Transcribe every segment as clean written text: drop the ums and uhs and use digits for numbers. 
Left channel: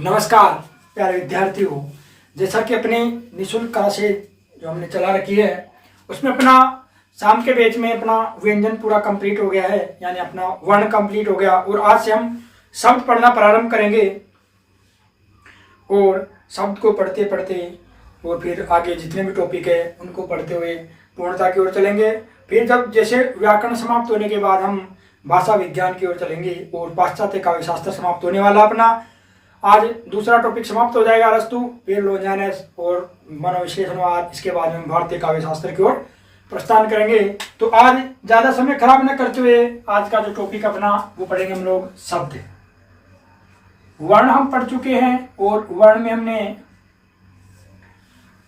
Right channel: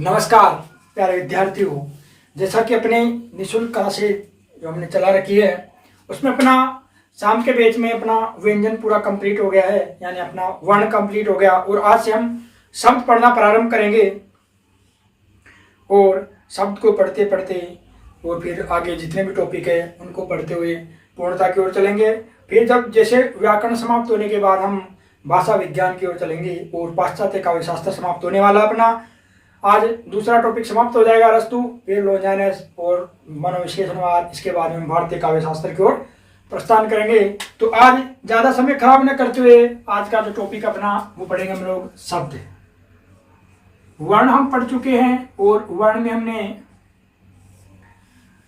नमस्कार प्यारे विद्यार्थियों। जैसा कि अपने निःशुल्क क्लासेज जो हमने चला रखी है उसमें अपना शाम के बैच में अपना व्यंजन पूरा कंप्लीट हो गया है, यानी अपना वर्ण कंप्लीट हो गया और आज से हम शब्द पढ़ना प्रारंभ करेंगे और शब्द को पढ़ते पढ़ते और फिर आगे जितने भी टॉपिक है उनको पढ़ते हुए पूर्णता की ओर चलेंगे। फिर जब जैसे व्याकरण समाप्त होने के बाद हम भाषा विज्ञान की ओर चलेंगे और पाश्चात्य काव्य शास्त्र समाप्त होने वाला अपना आज दूसरा टॉपिक समाप्त हो जाएगा अरस्तु, फिर लोजाइनस और मनोविश्लेषणवाद। इसके बाद हम भारतीय काव्य शास्त्र की ओर प्रस्थान करेंगे। तो आज ज्यादा समय खराब न करते हुए आज का जो टॉपिक अपना वो पढ़ेंगे हम लोग शब्द। वर्ण हम पढ़ चुके हैं और वर्ण में हमने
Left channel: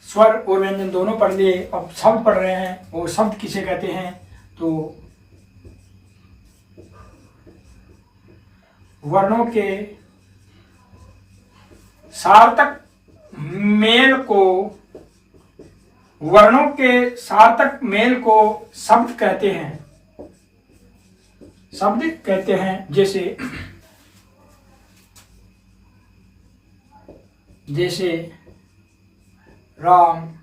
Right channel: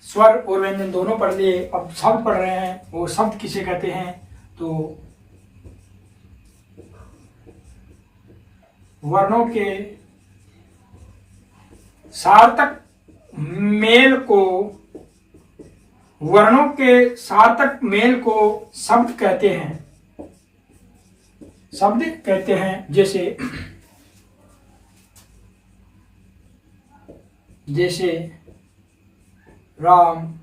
स्वर और व्यंजन दोनों पढ़ लिए। अब शब्द पढ़ रहे हैं और शब्द किसे कहते हैं तो वर्णों के सार्थक मेल को शब्द कहते हैं। शब्द कहते हैं जैसे राम,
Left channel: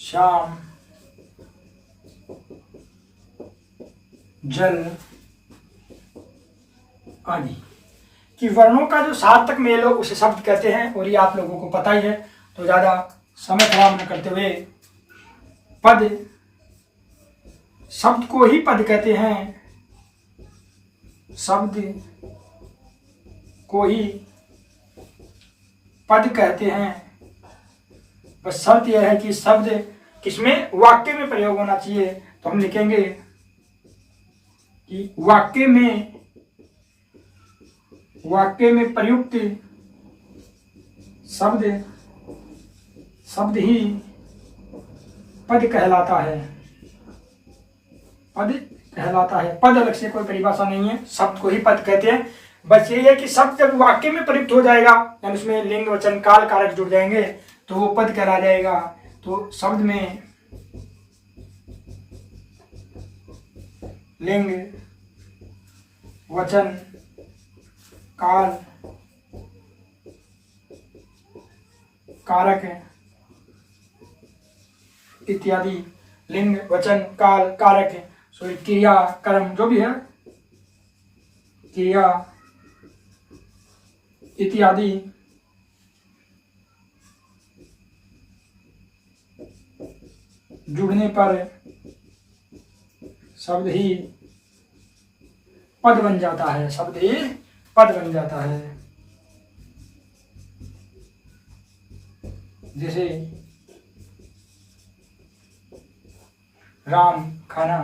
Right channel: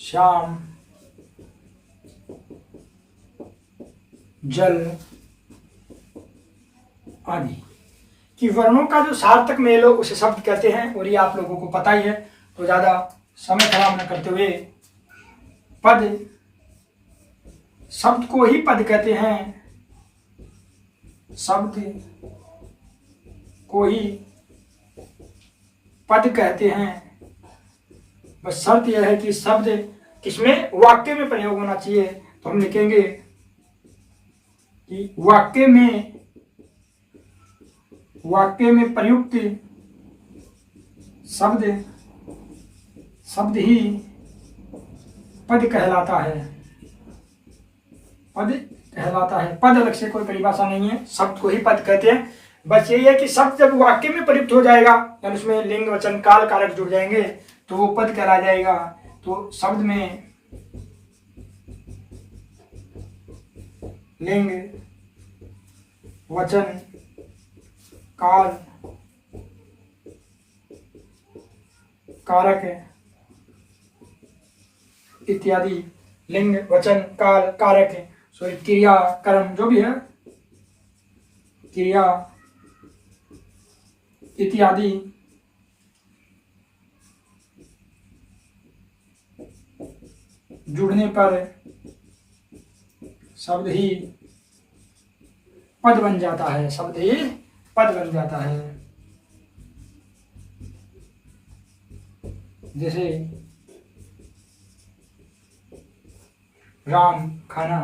श्याम, जल आदि कि वर्णों का जो सार्थक मेल हो उसे शब्द कहते हैं और ये आप लोगों को पता ही है। तो ज्यादा समय खराब न करते हुए पद, शब्द को ही पद कहते हैं। शब्द को ही पद कहते हैं। बस शर्त यह है कि शब्द किसमें वाक्य में प्रयोग होना चाहिए। तो हम लिखेंगे कि वाक्य में प्रयुक्त शब्द ही पद कहलाता है। पद अलग से कोई परिभाषा नहीं है, शब्द को ही पद कहते हैं। बस यही है कि शब्द जब वाक्य में प्रयुक्त हो जाएगा यानी उसमें लिंग, वचन, काल, कारक जुड़ जाएंगे तो वो पद कहला जाएगा। तो शब्द में लिंग, वचन, काल, कारक इत्यादि, लिंग, वचन, काल, कारक क्रिया, कर्म जो भी है, क्रिया इत्यादि जुड़ने पर शब्द ही पद बन जाता है। जैसे राम खाना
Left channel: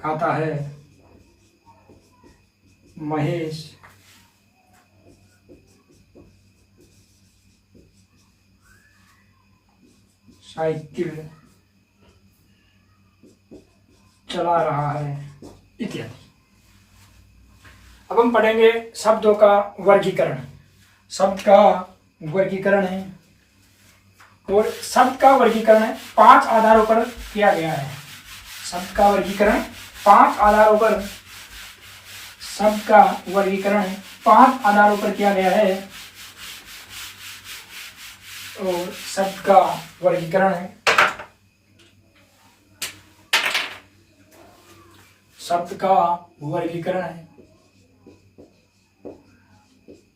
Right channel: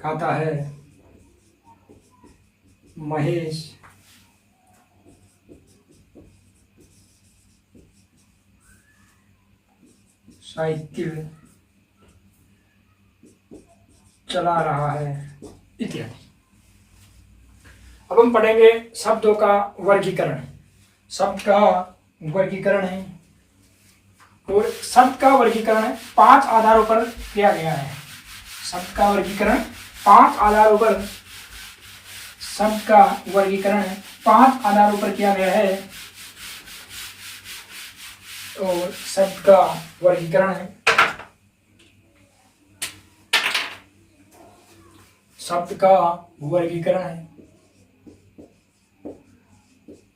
खाता है, महेश साइकिल चला रहा है इत्यादि। अब हम पढ़ेंगे शब्दों का वर्गीकरण। शब्द का वर्गीकरण है और शब्द का वर्गीकरण 5 आधारों पर किया गया है। शब्द का वर्गीकरण 5 आधारों पर किया गया है और शब्द का वर्गीकरण है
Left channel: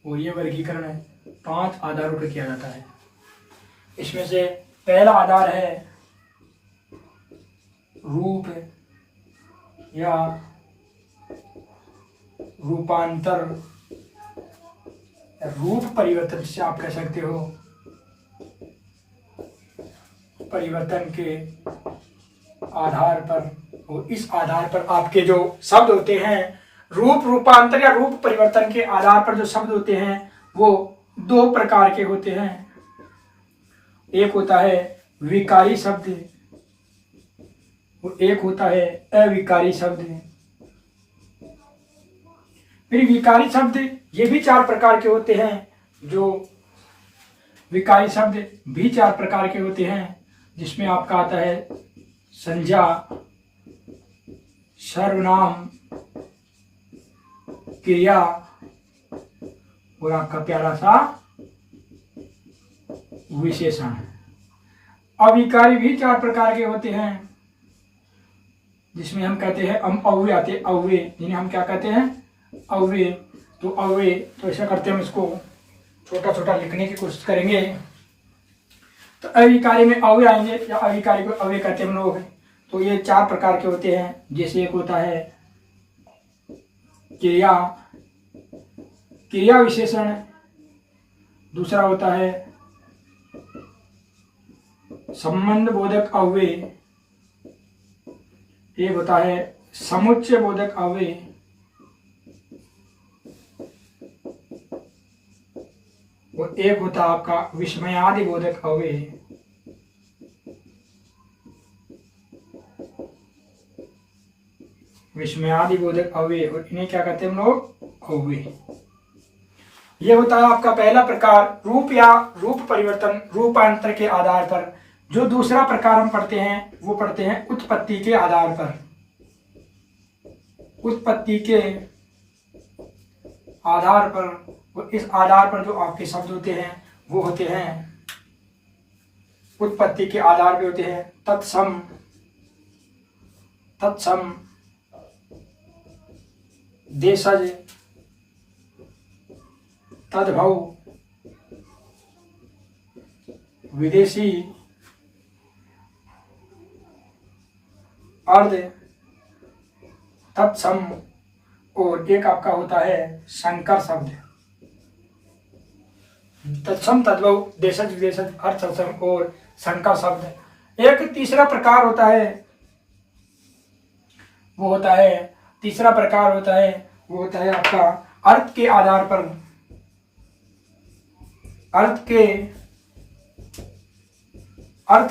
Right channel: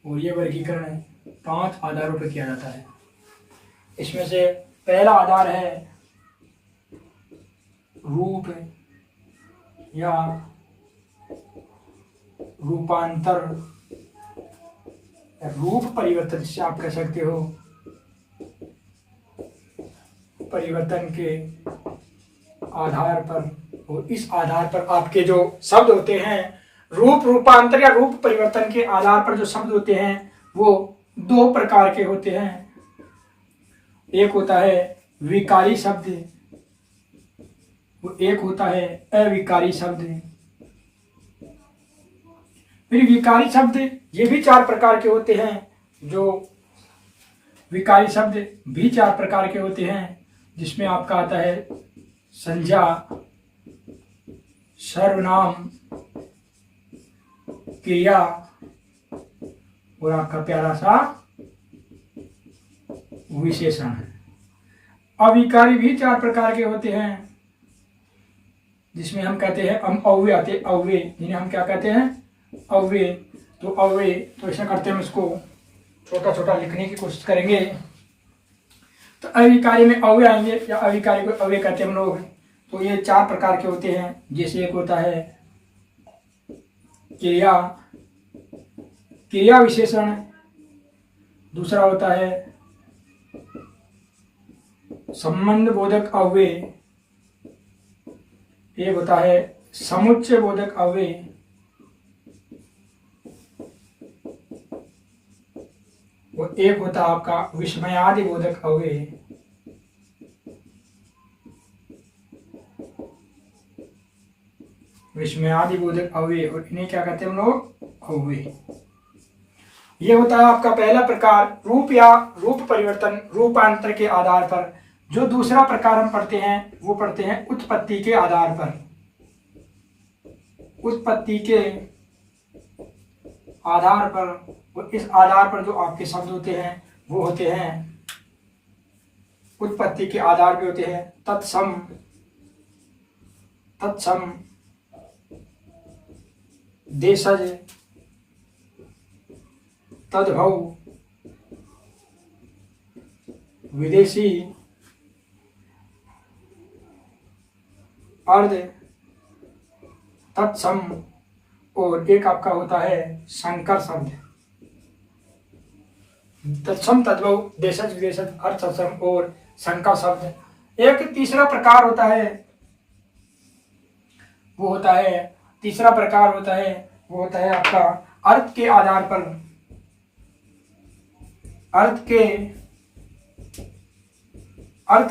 और ये वर्गीकरण 5 आधारों पर किया जाता है। इसमें से पहला आधार है रूप या रूपांतर, रूप परिवर्तन से आप कह सकते हो। परिवर्तन के आधार पर और इस आधार पर आपके जो शब्द होते हैं, रूपांतर या रूप परिवर्तन के आधार पर जो शब्द होते हैं वो 2 प्रकार के होते हैं। एक होता है विकारी शब्द और एक होता है अविकारी शब्द। फिर विकारी शब्द ये भी 4 प्रकार के होते हैं। जो विकारी शब्द भी 4 प्रकार के होते हैं, जिसमें आपका आता है संज्ञा, सर्वनाम, क्रिया और आपका प्यारा सा विशेषण। अविकारी भी चार प्रकार के होते हैं, जिसमें हम कहते हैं अव्यय आते, अव्यय जिन्हें हम क्या कहते हैं, अव्यय। तो अव्यय, तो ऐसा करते हैं, हम इसको छोटा छोटा लिखने की कोशिश करेंगे। तो अविकारी में अव्यय आएंगे, या अविकारी को अव्यय कहते हैं हम लोग। तो ये चार प्रकार के होते हैं, जैसे एक होता है क्रिया, क्रिया विशेषण। दूसरा होता है संबंध बोधक अव्यय। एक होता है समुच्चय बोधक अव्यय। और एक होता है आपका विस्मयादि बोधक अव्यय। विस्मयादि बोधक अव्यय, और इन्हें क्या कहते हैं हम लोग, अव्यय। ये होता है आपका पहला प्रकार, रूप या रूप परिवर्तन, रूपांतर के आधार पर। जो दूसरा प्रकार हम पढ़ते हैं वो पढ़ते हैं उत्पत्ति के आधार पर। उत्पत्ति के आधार पर, और इस आधार पर जो आपके शब्द होते हैं वो होते हैं, उत्पत्ति के आधार पे होते हैं तत्सम, तत्सम, देशज, तद्भव, विदेशी, अर्ध, तत्सम, और एक आपका होता है संकर शब्द। तत्सम, तद्भव, देशज, विदेशज, अर्थ, तत्सम और संकर शब्द। एक तीसरा प्रकार होता है, वो होता है, तीसरा प्रकार होता है, वो होता है आपका अर्थ के आधार पर। अर्थ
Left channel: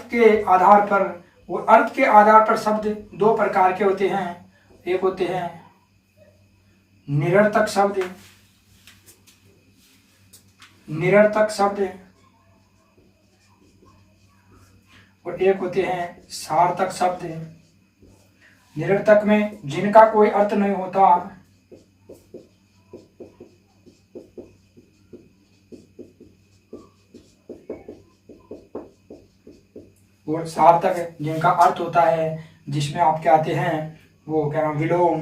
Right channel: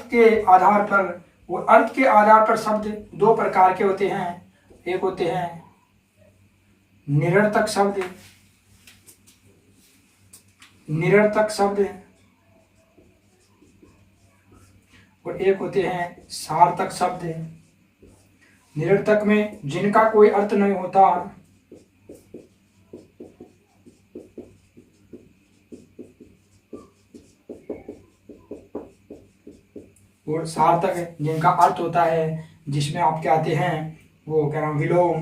के आधार पर, वो अर्थ के आधार पर शब्द दो प्रकार के होते हैं। एक होते हैं निरर्थक शब्द, निरर्थक शब्द, और एक होते हैं सार्थक शब्द। निरर्थक में जिनका कोई अर्थ नहीं होता, और सार्थक जिनका अर्थ होता है, जिसमें आपके आते हैं वो क्या नाम, विलोम,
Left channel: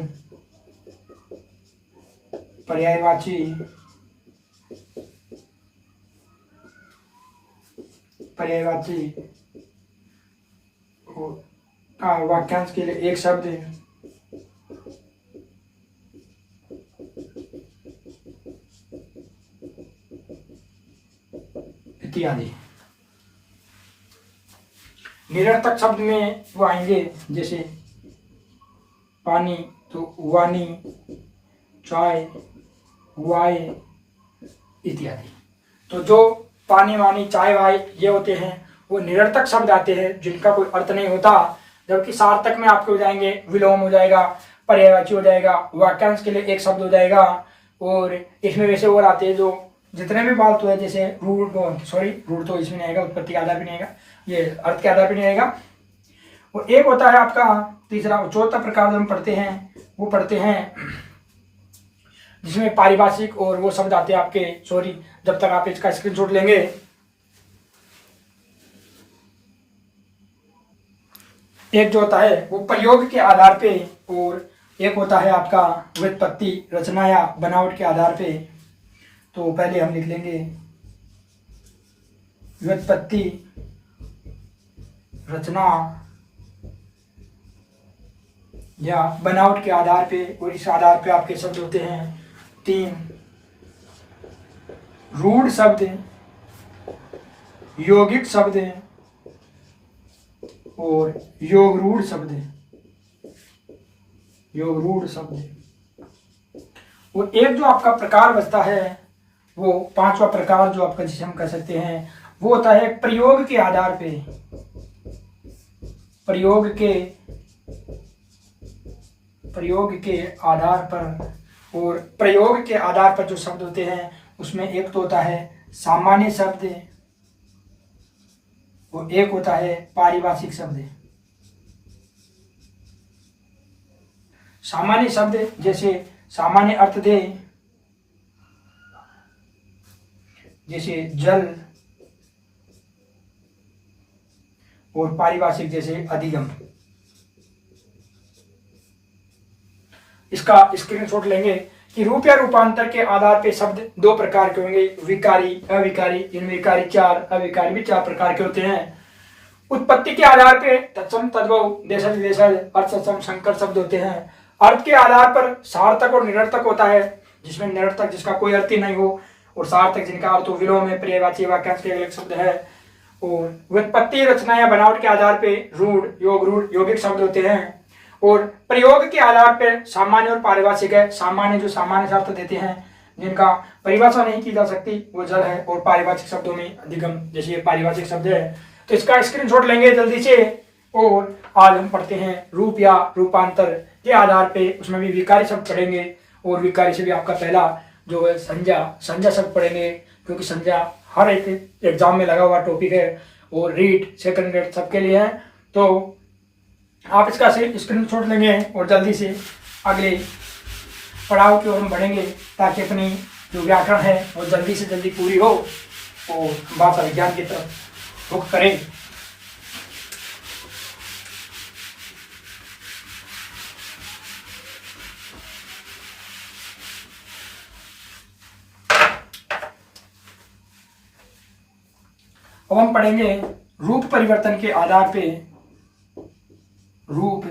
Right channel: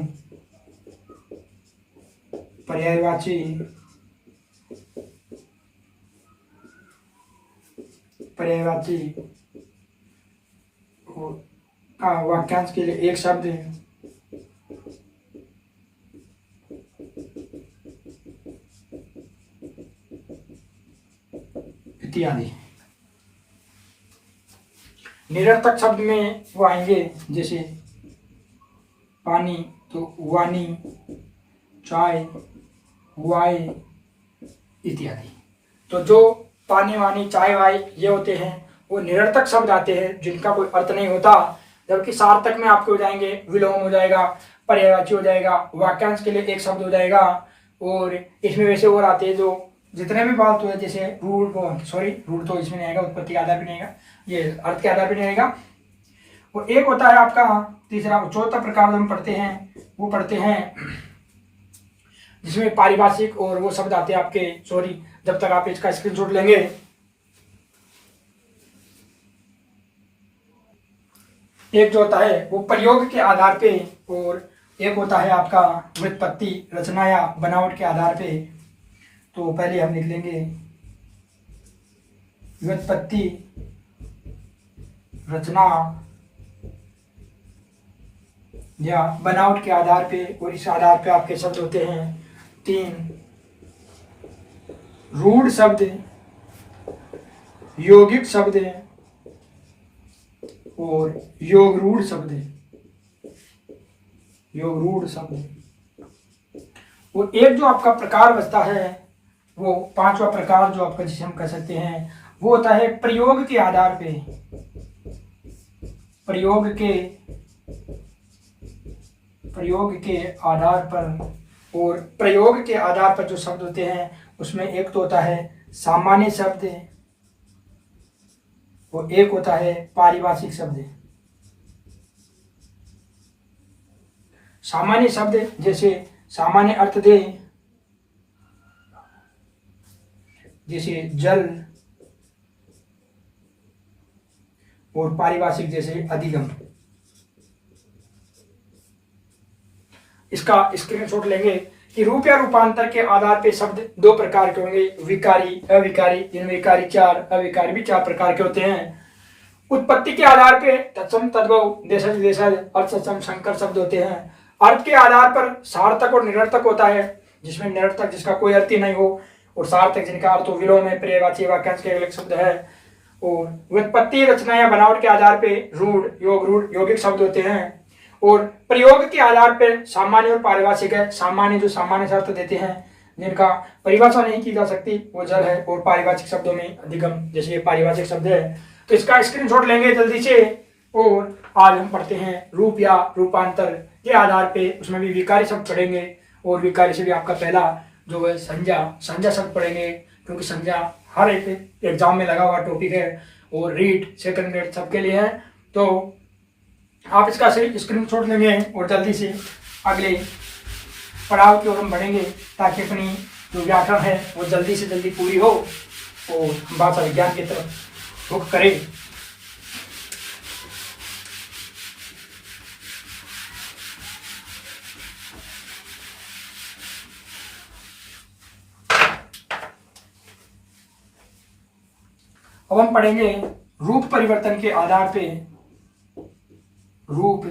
पर्यायवाची, पर्यायवाची, वाक्यांश के लिए एक शब्द है, इत्यादि। निरर्थक शब्द में वो आएंगे, जैसे पानी तो वानी, चाय, वाय इत्यादि। तो जो पानी, वानी, चाय, वाय ये होते हैं वो निरर्थक शब्द आते हैं, जिनका कोई अर्थ नहीं होता। जबकि सार्थक में आपके हो जाएंगे विलोम हो जाएगा, पर्यायवाची हो जाएगा, वाक्यांश के लिए एक शब्द हो जाएगा। और इसमें वैसे और आते हैं जो जितने भी फालतू है, जैसे रूढ़, रूढ़ तो इसमें नहीं आएगा, उत्पत्ति के आधार भी नहीं आएगा, ये अर्थ के आधार पे नहीं आएगा। और एक होता है आपका तीसरा, चौथा प्रकार हम पढ़ते हैं, वो पढ़ते हैं जिसमें पारिभाषिक और वो शब्द आते हैं आपके, जब तक आप इसका स्क्रीनशॉट लेंगे। एक जो होता है वो प्रयोग के आधार पे, और एक होता है आपका व्युत्पत्ति, रचना या बनावट के आधार पे। तो पहले हम लिख लेंगे व्युत्पत्ति, रचना या बनावट के आधार पे, और इस आधार पे आपके शब्द होते हैं तीन, रूढ़ शब्द, यौगिक शब्द और योग रूढ़ शब्द, योग रूढ़ शब्द। और एक जो आपका प्रकार बचता है, वो पांचवा प्रकार जो आपका, जिसे हम कह सकते हैं, वो होता है प्रयोग के आधार पे, प्रयोग के आधार पर। और प्रयोग के आधार पर जो शब्द होते हैं उसमें एक तो होता है सामान्य शब्द, और एक होता है पारिभाषिक शब्द। सामान्य शब्द जैसे सामान्य अर्थ दे, जैसे जल, और पारिभाषिक जैसे अधिगम। इसका स्क्रीनशॉट लेंगे कि रूप या रूपांतर के आधार पे शब्द दो प्रकार के होंगे, विकारी, अविकारी। जिनमें विकारी 4, अविकारी भी 4 प्रकार के होते हैं। उत्पत्ति के आधार पे तत्सम, तद्भव, देशज, विदेशज, अर्थसम, संकर शब्द होते हैं। अर्थ के आधार पर सार्थक और निरर्थक होता है, जिसमें निरर्थक जिसका कोई अर्थ ही नहीं हो, और सार्थक जिनका अर्थ विलोम है, पर्यायवाची, वाक्यांश के अलग शब्द है। और व्युत्पत्ति, रचना या बनावट के आधार पे रूढ़, योग, रूढ़ यौगिक शब्द होते हैं। और प्रयोग के आधार पर सामान्य और पारिभाषिक है। सामान्य जो सामान्य अर्थ देते हैं, जिनका परिभाषा नहीं की जा सकती, वो जल है। और पारिभाषिक शब्दों में अधिगम, जैसे ये पारिभाषिक शब्द है। तो इसका स्क्रीनशॉट लेंगे जल्दी से। और आज हम पढ़ते हैं रूप या रूपांतर के आधार पे, उसमें भी विकारी शब्द पढ़ेंगे। और विकारी से भी आपका पहला जो है संज्ञा शब्द पढ़ेंगे, क्योंकि संज्ञा हर एक एग्जाम में लगा हुआ टॉपिक है। और रीड, सेकंड ग्रेड सबके लिए है। तो आप इसका स्क्रीनशॉट लेंगे और जल्दी से अगले पड़ाव की ओर हम बढ़ेंगे, ताकि अपनी जो व्याकरण है वो जल्दी से जल्दी पूरी हो और भाषा विज्ञान की तरफ रुख करें। अब हम पढ़ेंगे रूप परिवर्तन के आधार पे, रूप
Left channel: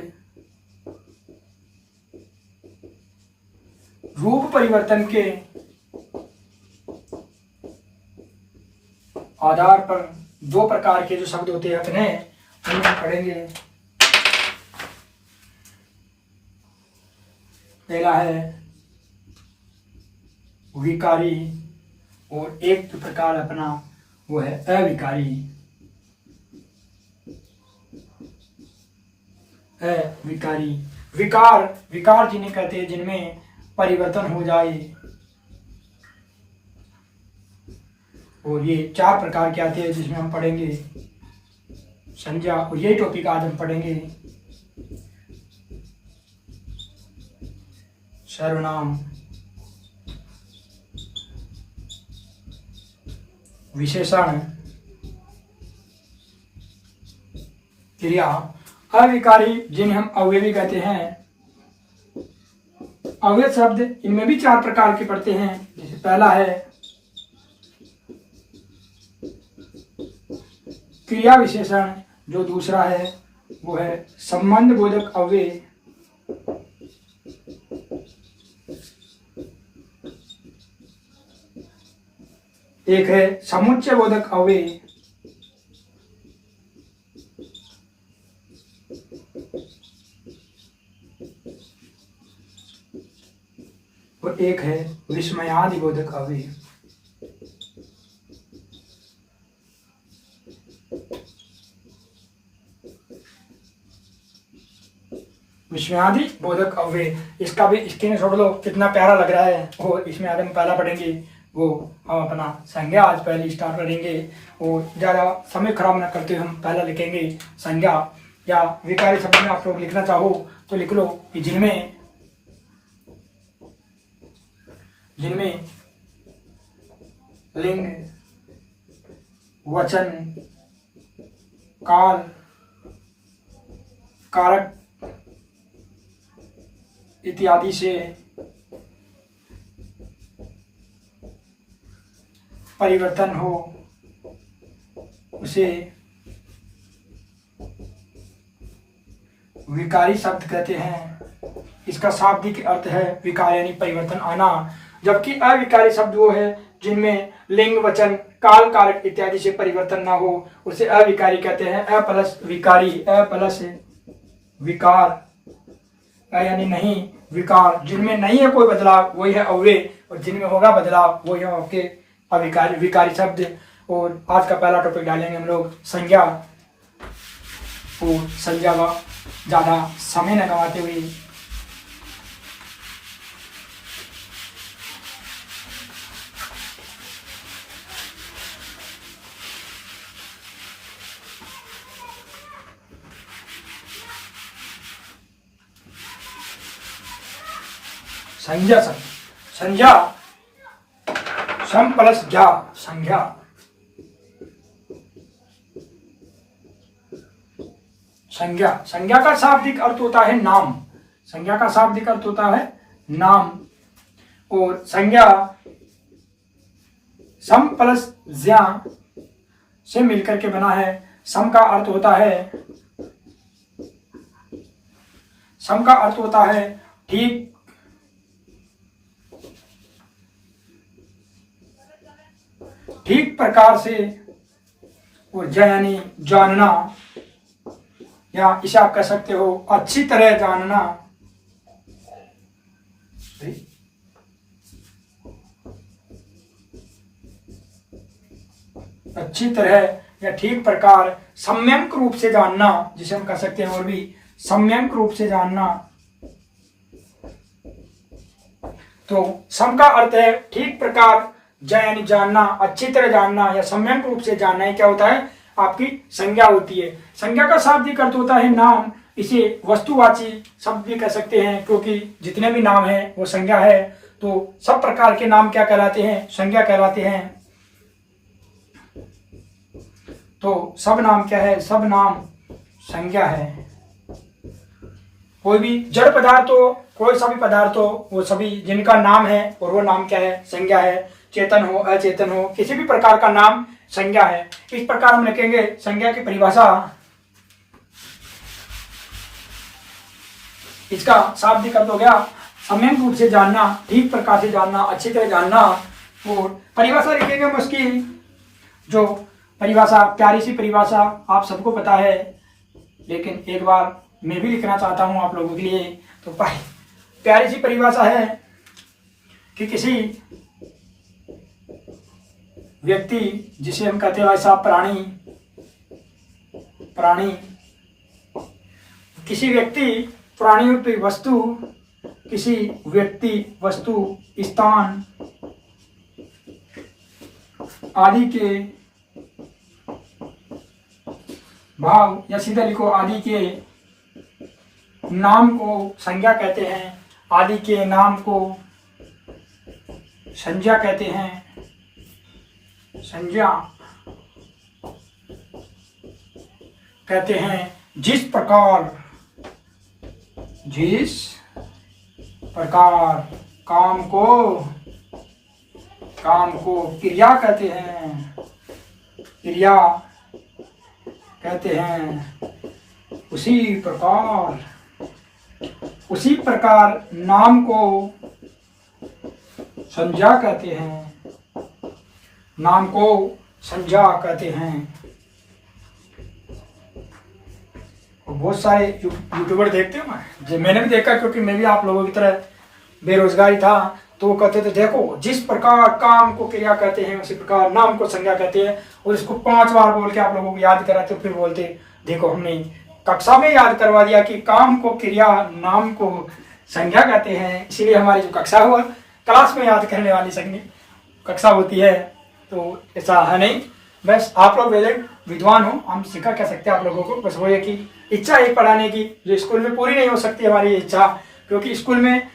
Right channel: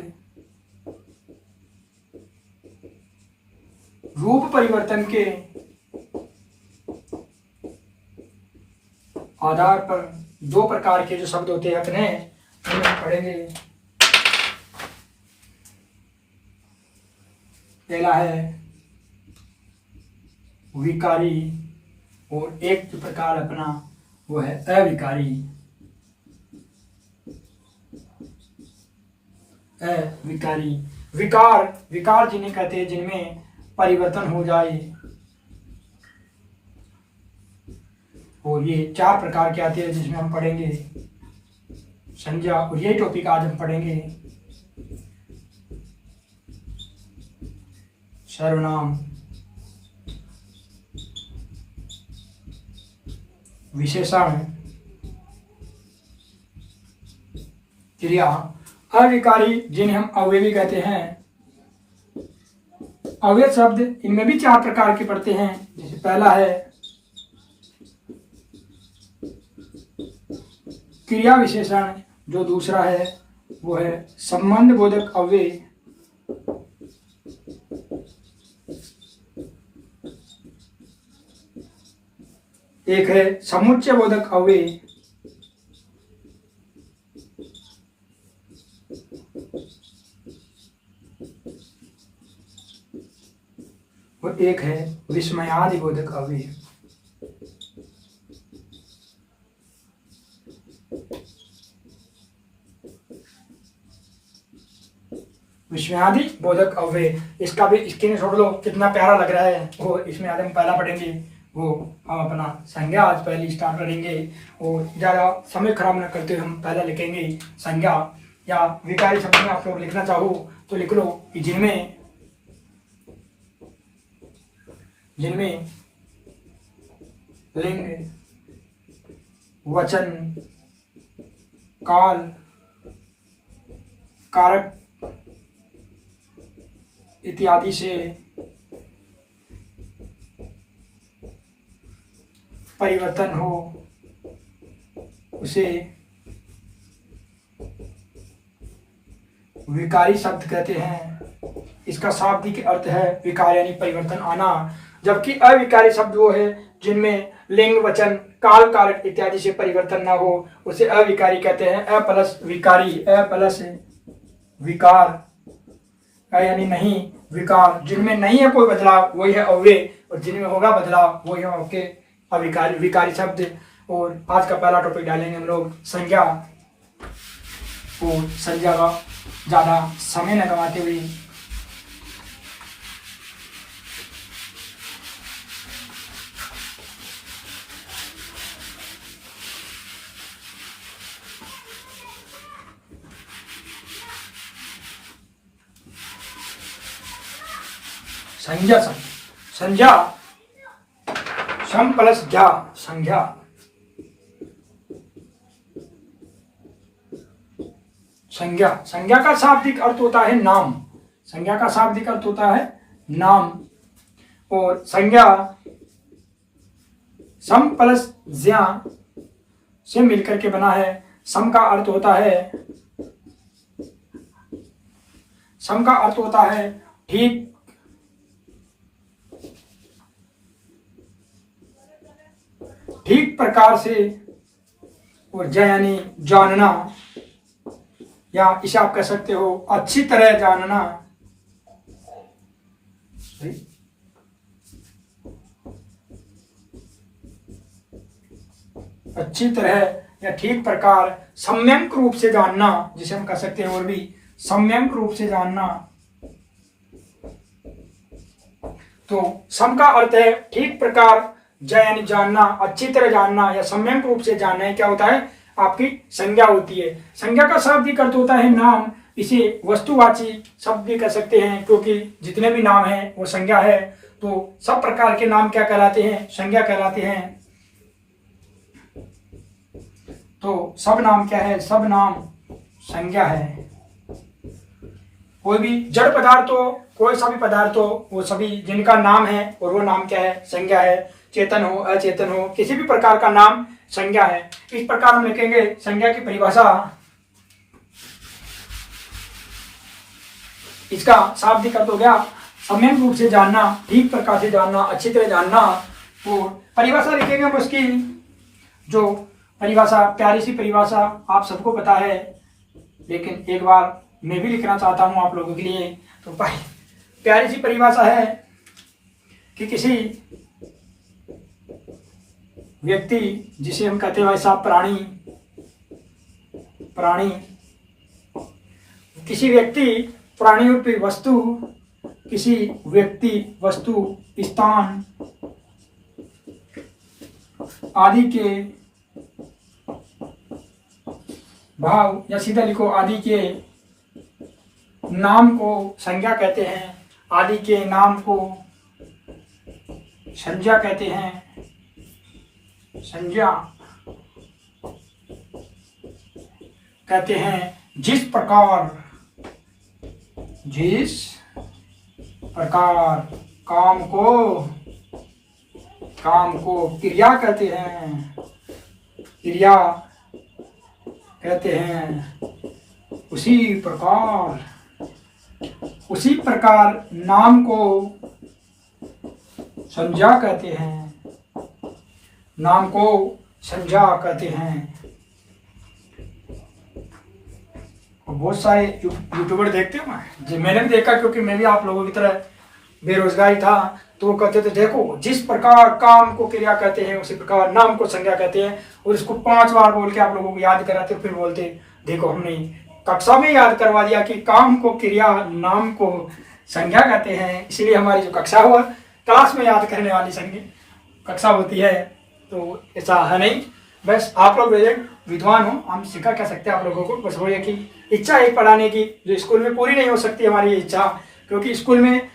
परिवर्तन के आधार पर दो प्रकार के जो शब्द होते हैं अपने, उन्हें पढ़ेंगे। पहला है विकारी, और एक जो प्रकार अपना वो है अविकारी। अविकारी, विकार जिन्हें कहते हैं जिनमें परिवर्तन हो जाए। और ये 4 प्रकार के आते हैं, जिसमें हम पढ़ेंगे संज्ञा। और यही टॉपिक आज हम पढ़ेंगे सर्वनाम, विशेषण, क्रिया। अविकारी जिन्हें हम अवयवी कहते हैं। अवयव शब्द इनमें भी 4 प्रकार के पढ़ते हैं। जैसे पहला है क्रिया विशेषण, जो दूसरा है वो है संबंध बोधक अव्यय, एक है समुच्चय बोधक अव्यय, और एक है विस्मयादि बोधक अव्यय। विस्मयादि बोधक अव्यय, इसका भी स्क्रीनशॉट लो, कितना प्यारा लग रहा है। वो इसमें आज हम पहला पढ़ेंगे, वो हम अपना संज्ञा आज पहले स्टार्ट करेंगे। और ज़्यादा समय खराब न करते हुए हम पहला लिखेंगे संज्ञा। या विकारी शब्द में आप लोग लिखना चाहो तो लिख लो कि जिनमें लिंग, वचन, काल, कारक इत्यादि से परिवर्तन हो, उसे विकारी शब्द कहते हैं। इसका शाब्दिक अर्थ है विकार यानी परिवर्तन आना। जबकि अविकारी शब्द वो है जिनमें लिंग, वचन, काल, कारक इत्यादि से परिवर्तन ना हो, उसे अविकारी कहते हैं। अ प्लस विकारी, अ प्लस विकार, यानी नहीं विकार। जिनमें नहीं है कोई बदलाव वही है अव्यय, और जिनमें होगा बदलाव वही है आपके अविकारी, विकारी शब्द। और आज का पहला टॉपिक डालेंगे हम लोग संज्ञा। और संज्ञा का ज़्यादा समय न गंवाते हुए संज्ञा शब्द, संज्ञा सम प्लस ज्ञा, संज्ञा। संज्ञा, संज्ञा का शाब्दिक अर्थ होता है नाम, संज्ञा का शाब्दिक अर्थ होता है नाम। और संज्ञा सम प्लस ज्ञा से मिलकर के बना है। सम का अर्थ होता है, सम का अर्थ होता है ठीक, ठीक प्रकार से, और ज्ञा यानी जानना, या इसे आप कह सकते हो अच्छी तरह जानना। अच्छी तरह या ठीक प्रकार, सम्यक रूप से जानना, जिसे हम कह सकते हैं और भी सम्यक रूप से जानना। तो सम का अर्थ है ठीक प्रकार, ज्ञा यानी जानना, अच्छी तरह जानना या सम्यक रूप से जानना है क्या होता है, आपकी संज्ञा होती है। संज्ञा का शाब्दिक अर्थ होता है नाम। इसे वस्तुवाची शब्द भी कह सकते हैं, क्योंकि जितने भी नाम हैं वो संज्ञा है। तो सब प्रकार के नाम क्या कहलाते हैं, संज्ञा कहलाते हैं। तो सब नाम क्या है, सब नाम संज्ञा है। कोई भी जड़ पदार्थ हो, कोई सा भी पदार्थ हो, वो सभी जिनका नाम है और वो नाम क्या है, संज्ञा है। चेतन हो अचेतन हो, किसी भी प्रकार का नाम संज्ञा है। इस प्रकार हम लिखेंगे संज्ञा की परिभाषा। इसका शाब्दिक अर्थ हो गया सम्यक रूप से जानना, ठीक प्रकार से जानना, अच्छी तरह जानना। और परिभाषा लिखेंगे हम उसकी, जो परिभाषा, प्यारी सी परिभाषा आप सबको पता है, लेकिन एक बार मैं भी लिखना चाहता हूं आप लोगों के लिए। तो प्यारी सी परिभाषा है कि किसी व्यक्ति, जिसे हम कहते हैं वैसा प्राणी, प्राणी, किसी व्यक्ति, प्राणी रूपी वस्तु, किसी व्यक्ति, वस्तु, स्थान आदि के भाव, या सीधा लिखो आदि के नाम को संज्ञा कहते हैं। आदि के नाम को संज्ञा कहते हैं। संज्ञा कहते हैं। जिस प्रकार काम को क्रिया कहते हैं, क्रिया कहते हैं, उसी प्रकार नाम को संज्ञा कहते हैं। नाम को संज्ञा कहते हैं। बहुत सारे यूट्यूबर देखते हो, मैंने भी देखा, क्योंकि मैं भी आप लोगों की तरह बेरोजगारी था। तो वो कहते थे देखो, जिस प्रकार काम को क्रिया कहते हैं उसी प्रकार नाम को संज्ञा कहते हैं। और इसको 5 बार बोल के आप लोगों को याद कराते, फिर बोलते देखो हमने कक्षा में याद करवा दिया कि काम को क्रिया, नाम को संज्ञा कहते हैं। इसीलिए हमारी जो कक्षा हुआ, क्लास में याद करने वाली कक्षा होती है। तो ऐसा है नहीं, बस आप लोग विद्वान हो, हम सिखा कह सकते हैं आप लोगों को। बस वो है कि इच्छा है पढ़ाने की, जो स्कूल में पूरी नहीं हो सकती हमारी इच्छा, क्योंकि स्कूल में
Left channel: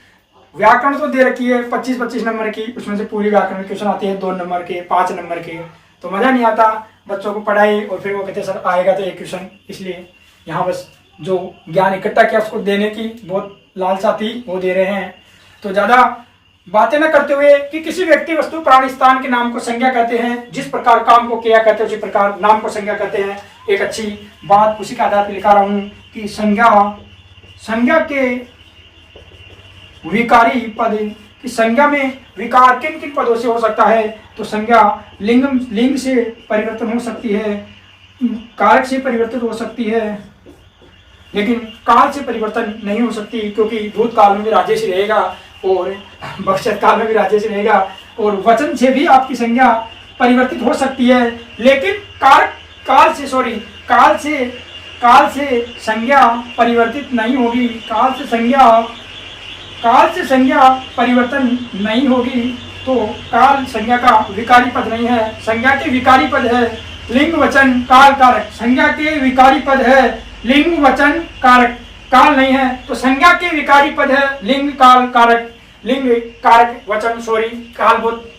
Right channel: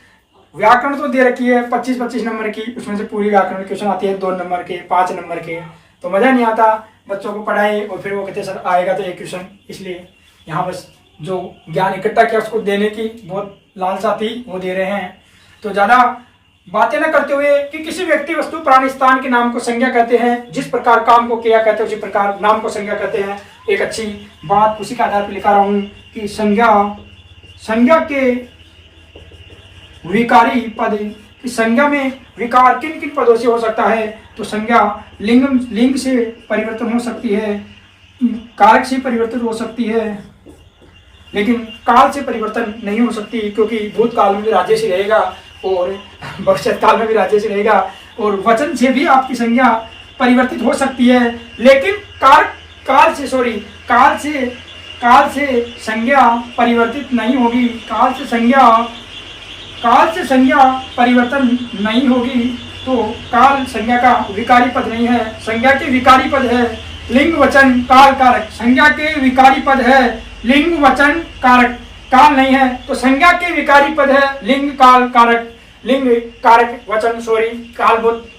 व्याकरण तो दे रखी है 25-25 नंबर की, उसमें से पूरी व्याकरण में क्वेश्चन आते हैं 2 नंबर के, 5 नंबर के। तो मज़ा नहीं आता बच्चों को पढ़ाए और फिर वो कहते सर आएगा तो एक क्वेश्चन। इसलिए यहाँ बस जो ज्ञान इकट्ठा किया उसको देने की बहुत लालसा थी, वो दे रहे हैं। तो ज़्यादा बातें न करते हुए कि किसी व्यक्ति, वस्तु, प्राणी, स्थान के नाम को संज्ञा कहते हैं। जिस प्रकार काम को क्रिया कहते हैं उसी प्रकार नाम को संज्ञा कहते हैं। एक अच्छी बात उसी के आधार पर लिखा रहा हूँ कि संज्ञा के विकारी पद, कि संज्ञा में विकार किन किन पदों से हो सकता है। तो संज्ञा लिंग से परिवर्तन हो सकती है, कारक से परिवर्तन हो सकती है, लेकिन काल से परिवर्तन नहीं हो सकती, क्योंकि भूतकाल में भी राज्य रहेगा और भविष्य काल में भी राज्य रहेगा। और वचन से भी आपकी संज्ञा परिवर्तित हो सकती है, लेकिन काल से संज्ञा परिवर्तित नहीं होगी। काल से संज्ञा परिवर्तन नहीं होगी। तो काल संज्ञा का विकारी पद नहीं है, संज्ञा के विकारी पद है। लिंग वचन काल कारक, संज्ञा के विकारी पद है लिंग वचन कारक, काल नहीं है। तो संज्ञा के विकारी पद है लिंग काल कारक। लिंग कारक वचन सॉरी कालभूत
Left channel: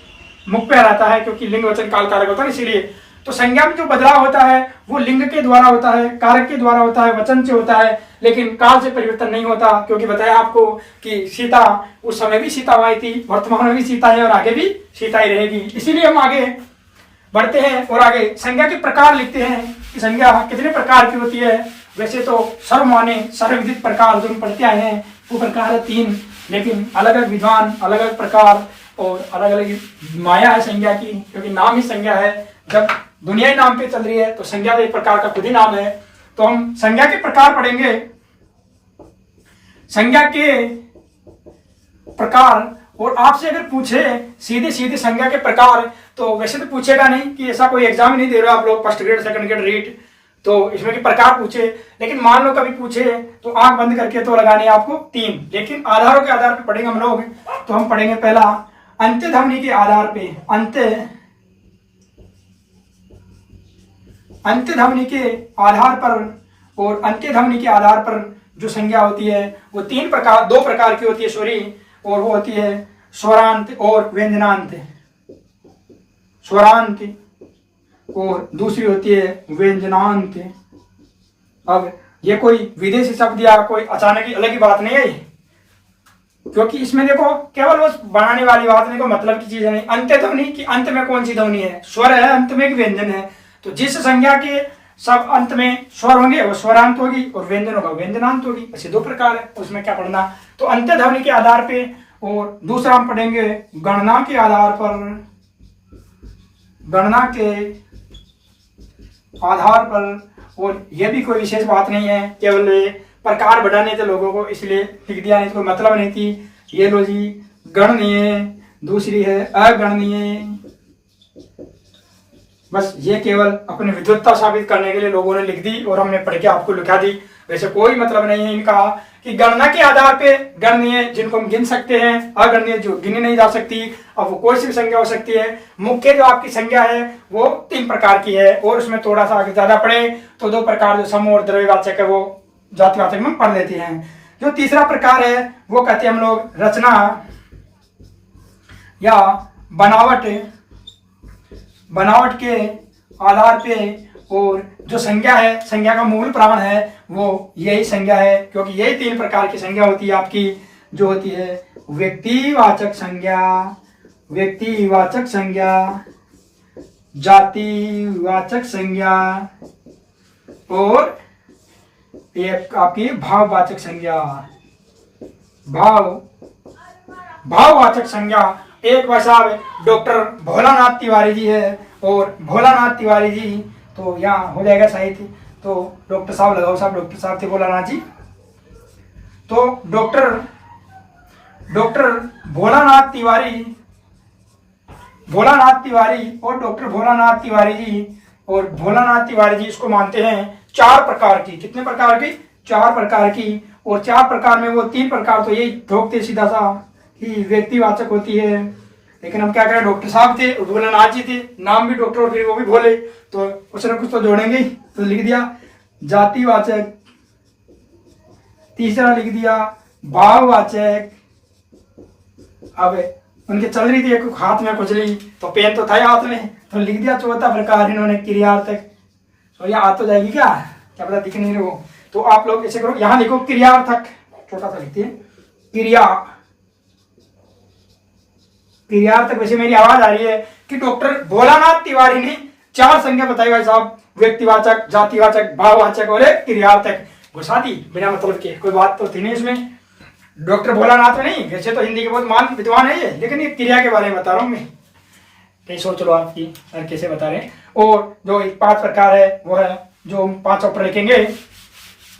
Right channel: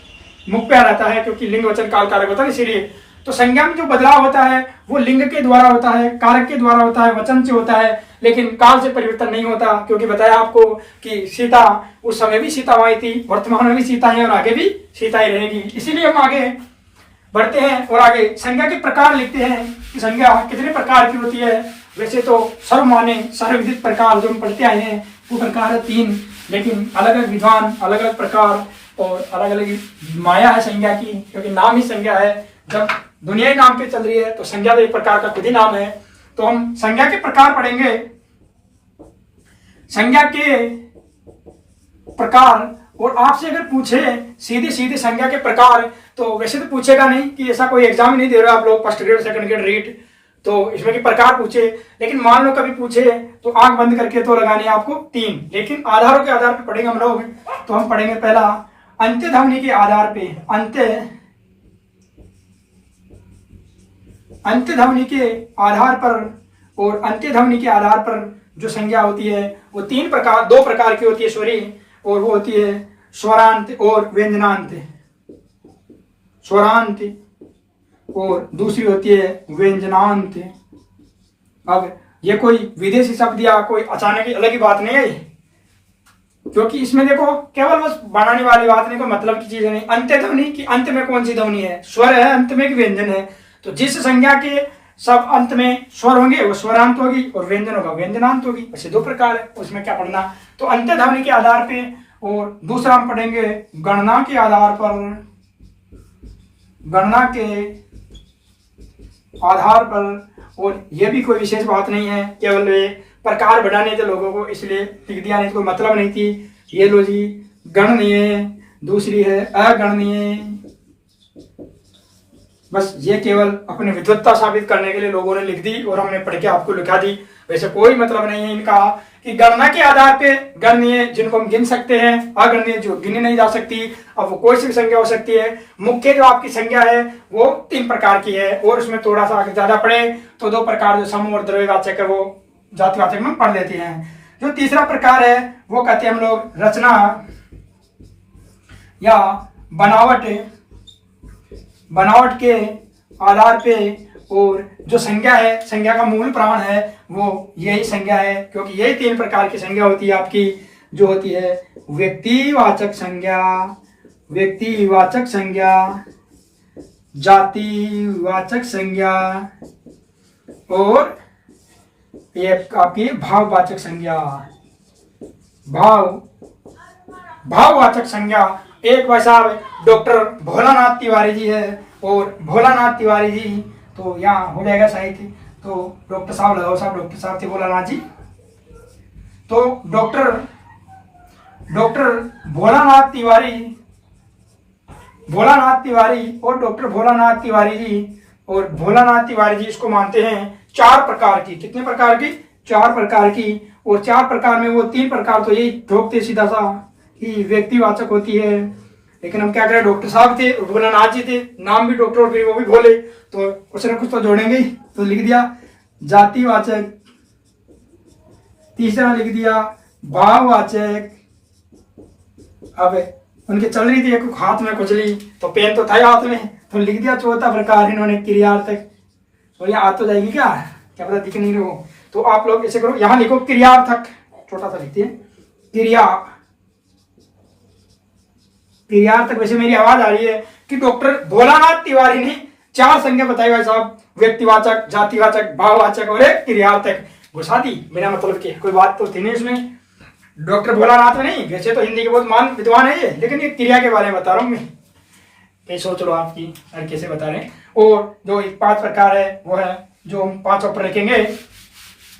मुख पे रहता है, क्योंकि लिंग वचन काल कारक होता है, इसीलिए तो संज्ञा में जो बदलाव होता है वो लिंग के द्वारा होता है, कारक के द्वारा होता है, वचन से होता है, लेकिन काल से परिवर्तन नहीं होता। क्योंकि बताया आपको कि सीता उस समय भी सीता वहीं थी, वर्तमान में भी सीता है और आगे भी सीता ही रहेगी। इसीलिए हम आगे बढ़ते हैं और आगे संज्ञा के प्रकार लिखते हैं कि संज्ञा कितने प्रकार की होती है। वैसे तो सर्वमान्य सर्वविदित प्रकार जो हम पढ़ते आए हैं वो प्रकार है 3, लेकिन अलग अलग विद्वान अलग अलग प्रकार और अलग अलग माया है संज्ञा की, क्योंकि नाम ही संज्ञा है। जब दुनिया ही नाम पे चल रही है तो संज्ञा तो एक प्रकार का खुद ही नाम है। तो हम संज्ञा के प्रकार पढ़ेंगे। संज्ञा के प्रकार, और आपसे अगर पूछे सीधे सीधे संज्ञा के प्रकार, तो वैसे तो पूछेगा नहीं कि ऐसा कोई एग्जाम ही नहीं दे रहे आप लोग first grade second grade REET, तो इसमें के प्रकार पूछे, लेकिन मान लो कभी पूछे तो आंख बंद करके तो लगानी है आपको 3, लेकिन आधारों के आधार पर पढ़ेंगे हम लोग। तो हम पढ़ेंगे पहला अंत्य ध्वनि के आधार पे, अंत्य ध्वनि के आधार पर, और अंत्य ध्वनि के आधार पर जो संज्ञा होती है वो 2 प्रकार की होती है सॉरी, और वो होती है स्वरांत और व्यंजनांत। स्वरांत और दूसरी होती है व्यंजनांत। अब ये कोई विदेशी शब्द या कोई अचानक ही अलग ही बात नहीं है, क्योंकि इसमें देखो केवल बस बनाने वाली बात नहीं, को मतलब की चीज नहीं। अंत्य ध्वनि की अंत में कौन सी ध्वनि है, स्वर है, अंत में एक व्यंजन है। तो जिस संज्ञा के सब अंत में स्वर होंगे वो स्वरांत होगी और व्यंजन होगा व्यंजनांत होगी। ऐसे 2 प्रकार है, उसमें क्या पढ़ना। तो अंत्य ध्वनि के आधार पे, और दूसरा हम पढ़ेंगे गणना के आधार पर, गणना के आधार पर। और यह भी कोई विशेष बात नहीं है, केवल प्रकार बढ़ाने थे लोगों को, इसलिए लिख दिया, नहीं तो कोई मतलब नहीं थी। ये लो जी गणनीय, दूसरी है अगणनीय। बस ये केवल अपनी विद्वत्ता साबित करने के लिए लोगों ने लिख दी और हमने पढ़ के आपको लिखा दी। वैसे कोई मतलब नहीं है इनका कि गणना के आधार पे गणनीय जिनको हम गिन सकते हैं, अगणनीय जो गिनी नहीं जा सकती। अब वो कोई सी संज्ञा हो सकती है। मुख्य जो आपकी संज्ञा है वो 3 प्रकार की है, और उसमें थोड़ा सा अगर ज्यादा पढ़े तो 2 प्रकार जो सम और द्रव्यवाचक है वो जातिवाचक में पढ़ लेते हैं। जो तीसरा प्रकार है वो कहते हैं हम लोग रचना या बनावट के आधार पे, और जो संज्ञा है, संज्ञा का मूल प्राण है वो यही संज्ञा है, क्योंकि यही 3 प्रकार की संज्ञा होती है आपकी, जो होती है व्यक्तिवाचक संज्ञा, व्यक्तिवाचक संज्ञा, जातिवाचक संज्ञा, और एक आपकी भाववाचक संज्ञा। भाववाचक संज्ञा एक भाई साहब डॉक्टर भोलानाथ तिवारी जी है, और भोलानाथ तिवारी जी तो यहाँ हो जाएगा साहित्य, तो डॉक्टर साहब लगाओ साहब, डॉक्टर साहब थे भोलानाथ जी। तो डॉक्टर भोलानाथ तिवारी और डॉक्टर भोलानाथ तिवारी जी, और भोलानाथ तिवारी जी इसको मानते हैं 4 प्रकार की। कितने प्रकार की? 4 प्रकार की। और 4 प्रकार में वो 3 प्रकार तो यही ठोकते सीधा सा कि व्यक्तिवाचक होती है, लेकिन हम क्या करें, डॉक्टर साहब थे और भोलानाथ जी थे, नाम भी डॉक्टर और फिर वो भी भोले, तो कुछ ना कुछ तो जोड़ेंगे ही, तो लिख दिया जातिवाचक। तीसरा लिख दिया भाववाचक। अब उनके चल रही थी एक हाथ में खुजली, तो पेन तो था ही हाथ में, तो लिख दिया चौथा प्रकार इन्होंने क्रियार्थक। सॉरी आ तो जाएगी क्या पता दिख नहीं रही हो, तो आप लोग ऐसे करो, यहां लिखो क्रियार्थक, छोटा सा लिखते हैं क्रियार्थक। वैसे मेरी आवाज आ रही है कि डॉक्टर भोलानाथ तिवारी ने 4 संज्ञा बताई भाई साहब, व्यक्तिवाचक, जातिवाचक, भाववाचक और एक क्रियार्थक। घुसा दी बिना मतलब के, कोई बात तो थी नहीं इसमें। डॉक्टर भोलानाथ में नहीं, वैसे तो हिंदी के बहुत मान विद्वान है ये, लेकिन ये क्रिया के बारे में बता रहा हूँ मैं, कहीं सोच लो आपकी कैसे बता रहे हैं। और जो 5 प्रकार है वो है जो हम 5 पर रखेंगे,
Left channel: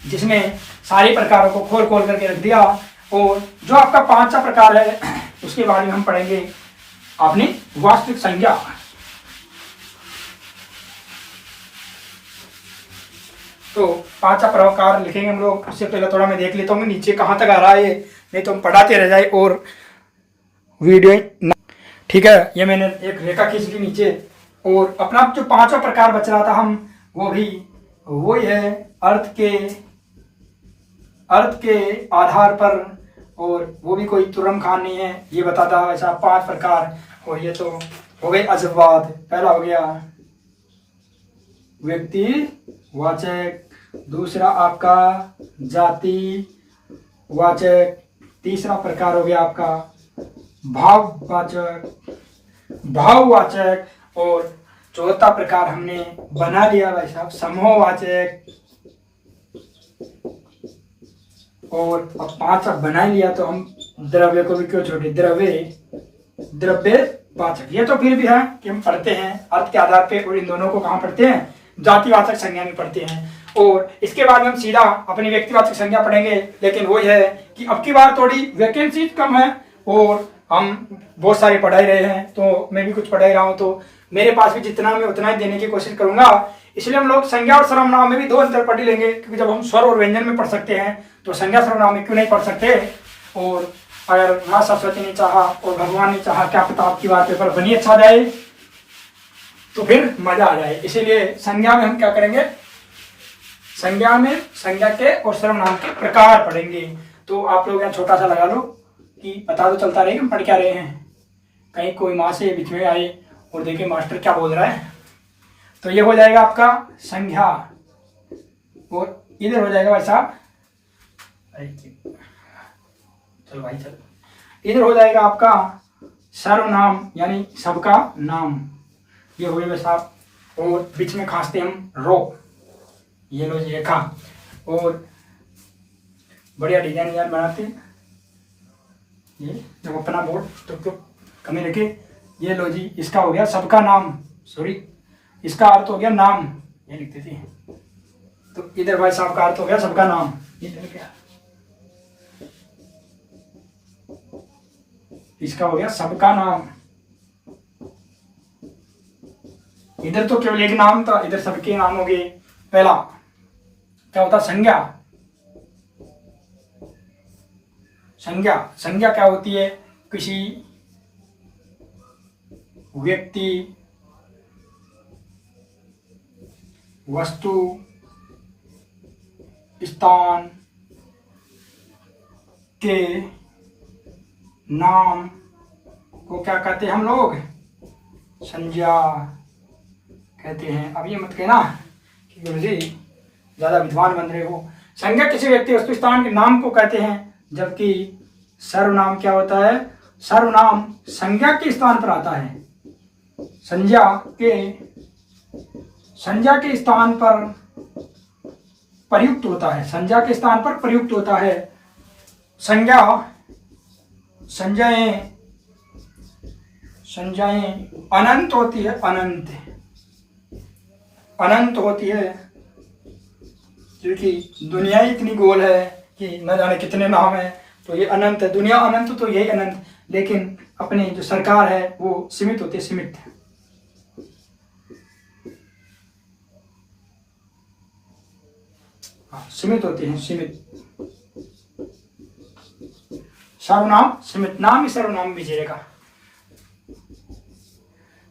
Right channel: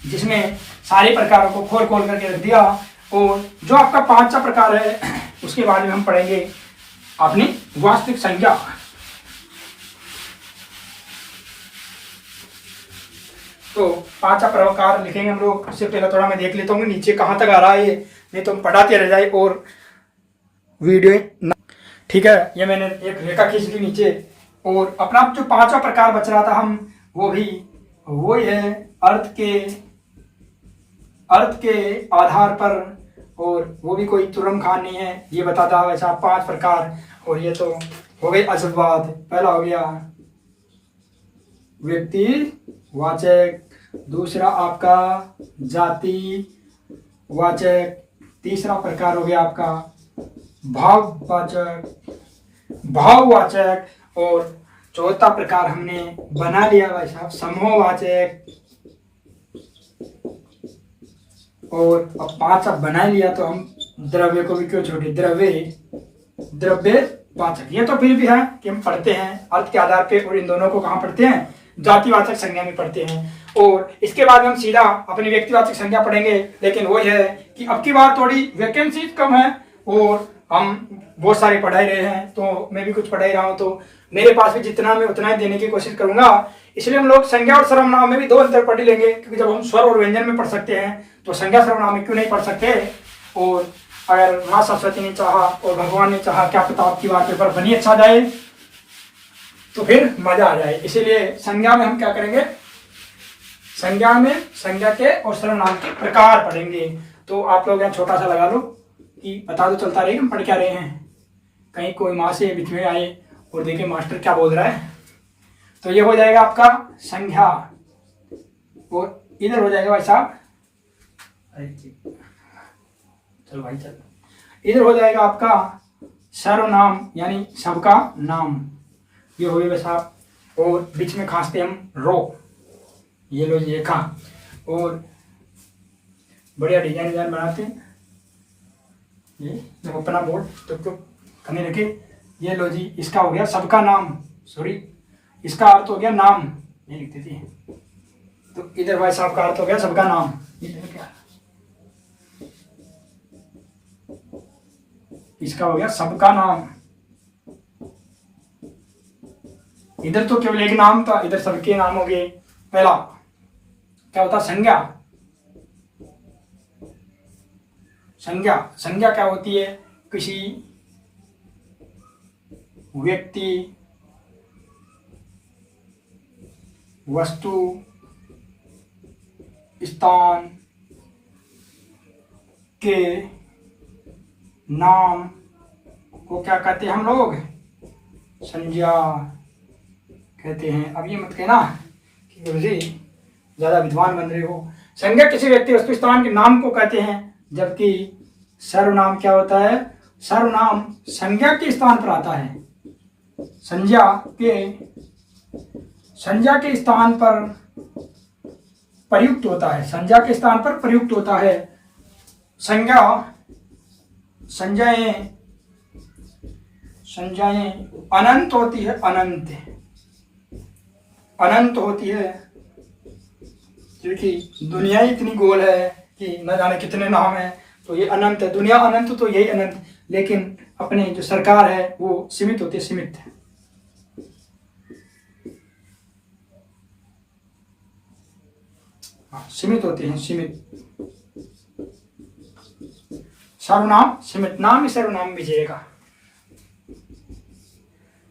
जिसमें सारे प्रकारों को खोल खोल करके रख दिया। और जो आपका 5वां प्रकार है उसके बारे में हम पढ़ेंगे अपनी वास्तविक संज्ञा। तो 5वां प्रकार लिखेंगे हम लोग। उससे पहले थोड़ा मैं देख लेता हूँ नीचे कहाँ तक आ रहा है, नहीं तो हम पढ़ाते रह जाए और वीडियो। ठीक है, ये मैंने एक रेखा खींच दी नीचे। और अपना जो 5वां प्रकार बच रहा था हम वो है अर्थ के आधार पर और वो भी कोई तुरम खान नहीं है, ये बताता है वैसा 5 प्रकार। और ये तो हो गए असतवाद। पहला हो गया व्यक्तिवाचक, दूसरा आपका जातिवाचक, तीसरा प्रकार हो गया आपका भाववाचक, और चौथा प्रकार हमने बना लिया भाई साहब समूहवाचक। और अब 5 अब बना लिया तो हम द्रव्य को भी क्यों छोड़े, द्रव्यवाचक। ये तो फिर भी है कि हम पढ़ते हैं अर्थ के आधार पे, और इन दोनों को कहाँ पढ़ते हैं, जातिवाचक संज्ञा में पढ़ते हैं। और इसके बाद हम सीधा अपनी व्यक्तिवाचक संज्ञा पढ़ेंगे। लेकिन वो है कि अब की बार थोड़ी वैकेंसी कम है और हम बहुत सारे पढ़ा ही रहे हैं, तो मैं भी कुछ पढ़ा ही रहा हूँ, तो मेरे पास भी जितना मैं उतना ही देने की कोशिश करूंगा। इसलिए हम लोग संज्ञा और सर्वनाम में भी 2 अंतर पढ़ लेंगे, क्योंकि जब हम स्वर और व्यंजन में पढ़ सकते हैं तो संज्ञा सर्वनाम में क्यों नहीं पढ़ सकते। और अगर माँ सरस्वती ने चाहा और भगवान ने चाहा, क्या पता आपकी बार पेपर बनी अच्छा जाए तो फिर मजा आ जाए। इसीलिए संज्ञा में हम क्या करेंगे, संज्ञा में संज्ञा के और सर्वनाम के प्रकार पढ़ेंगे। तो आप लोग यहाँ छोटा सा लगा लो कि पता तो चलता रहे हम पढ़ क्या रहे हैं, कहीं कोई माँ से बीच में आए और देखे मास्टर क्या बोल रहा है। तो ये हो जाएगा आपका संज्ञा, और इधर हो जाएगा भाई साहब, चलो भाई चल, इधर हो जाएगा आपका सर्वनाम यानी सबका नाम। ये हो गई भाई साहब, और बीच में खांसते हम रो, ये लो ये खा, और बढ़िया डिजाइन बनाते हैं। ये जब अपना बोर्ड तो कमी रखे, ये लो जी, इसका हो गया सबका नाम, सॉरी इसका अर्थ हो गया नाम, ये लिख देते हैं। तो इधर भाई साहब का अर्थ हो गया सबका नाम, इधर क्या, इसका हो गया सबका नाम। इधर तो केवल एक नाम था, इधर सबके नाम हो गए। पहला क्या होता, संज्ञा। संज्ञा क्या होती है, किसी व्यक्ति, वस्तु, स्थान के नाम को क्या कहते हैं हम लोग, संज्ञा कहते हैं। अब ये मत कहना कि गुरुजी ज्यादा विद्वान बन रहे हो। संज्ञा किसी व्यक्ति, वस्तु, स्थान के नाम को कहते हैं, जबकि सर्वनाम क्या होता है, सर्वनाम संज्ञा के स्थान पर आता है, संज्ञा के स्थान पर प्रयुक्त होता है, संज्ञा के स्थान पर प्रयुक्त होता है। संज्ञाएं अनंत होती है, अनंत होती है, क्योंकि दुनिया ही इतनी गोल है कि न जाने कितने नाम है, तो ये अनंत है। दुनिया अनंत तो यही अनंत, लेकिन अपनी जो सरकार है वो सीमित होती है, सीमित। सीमित होते हैं, सीमित। सर्वनाम सीमित, नाम ही सर्वनाम में जिएगा।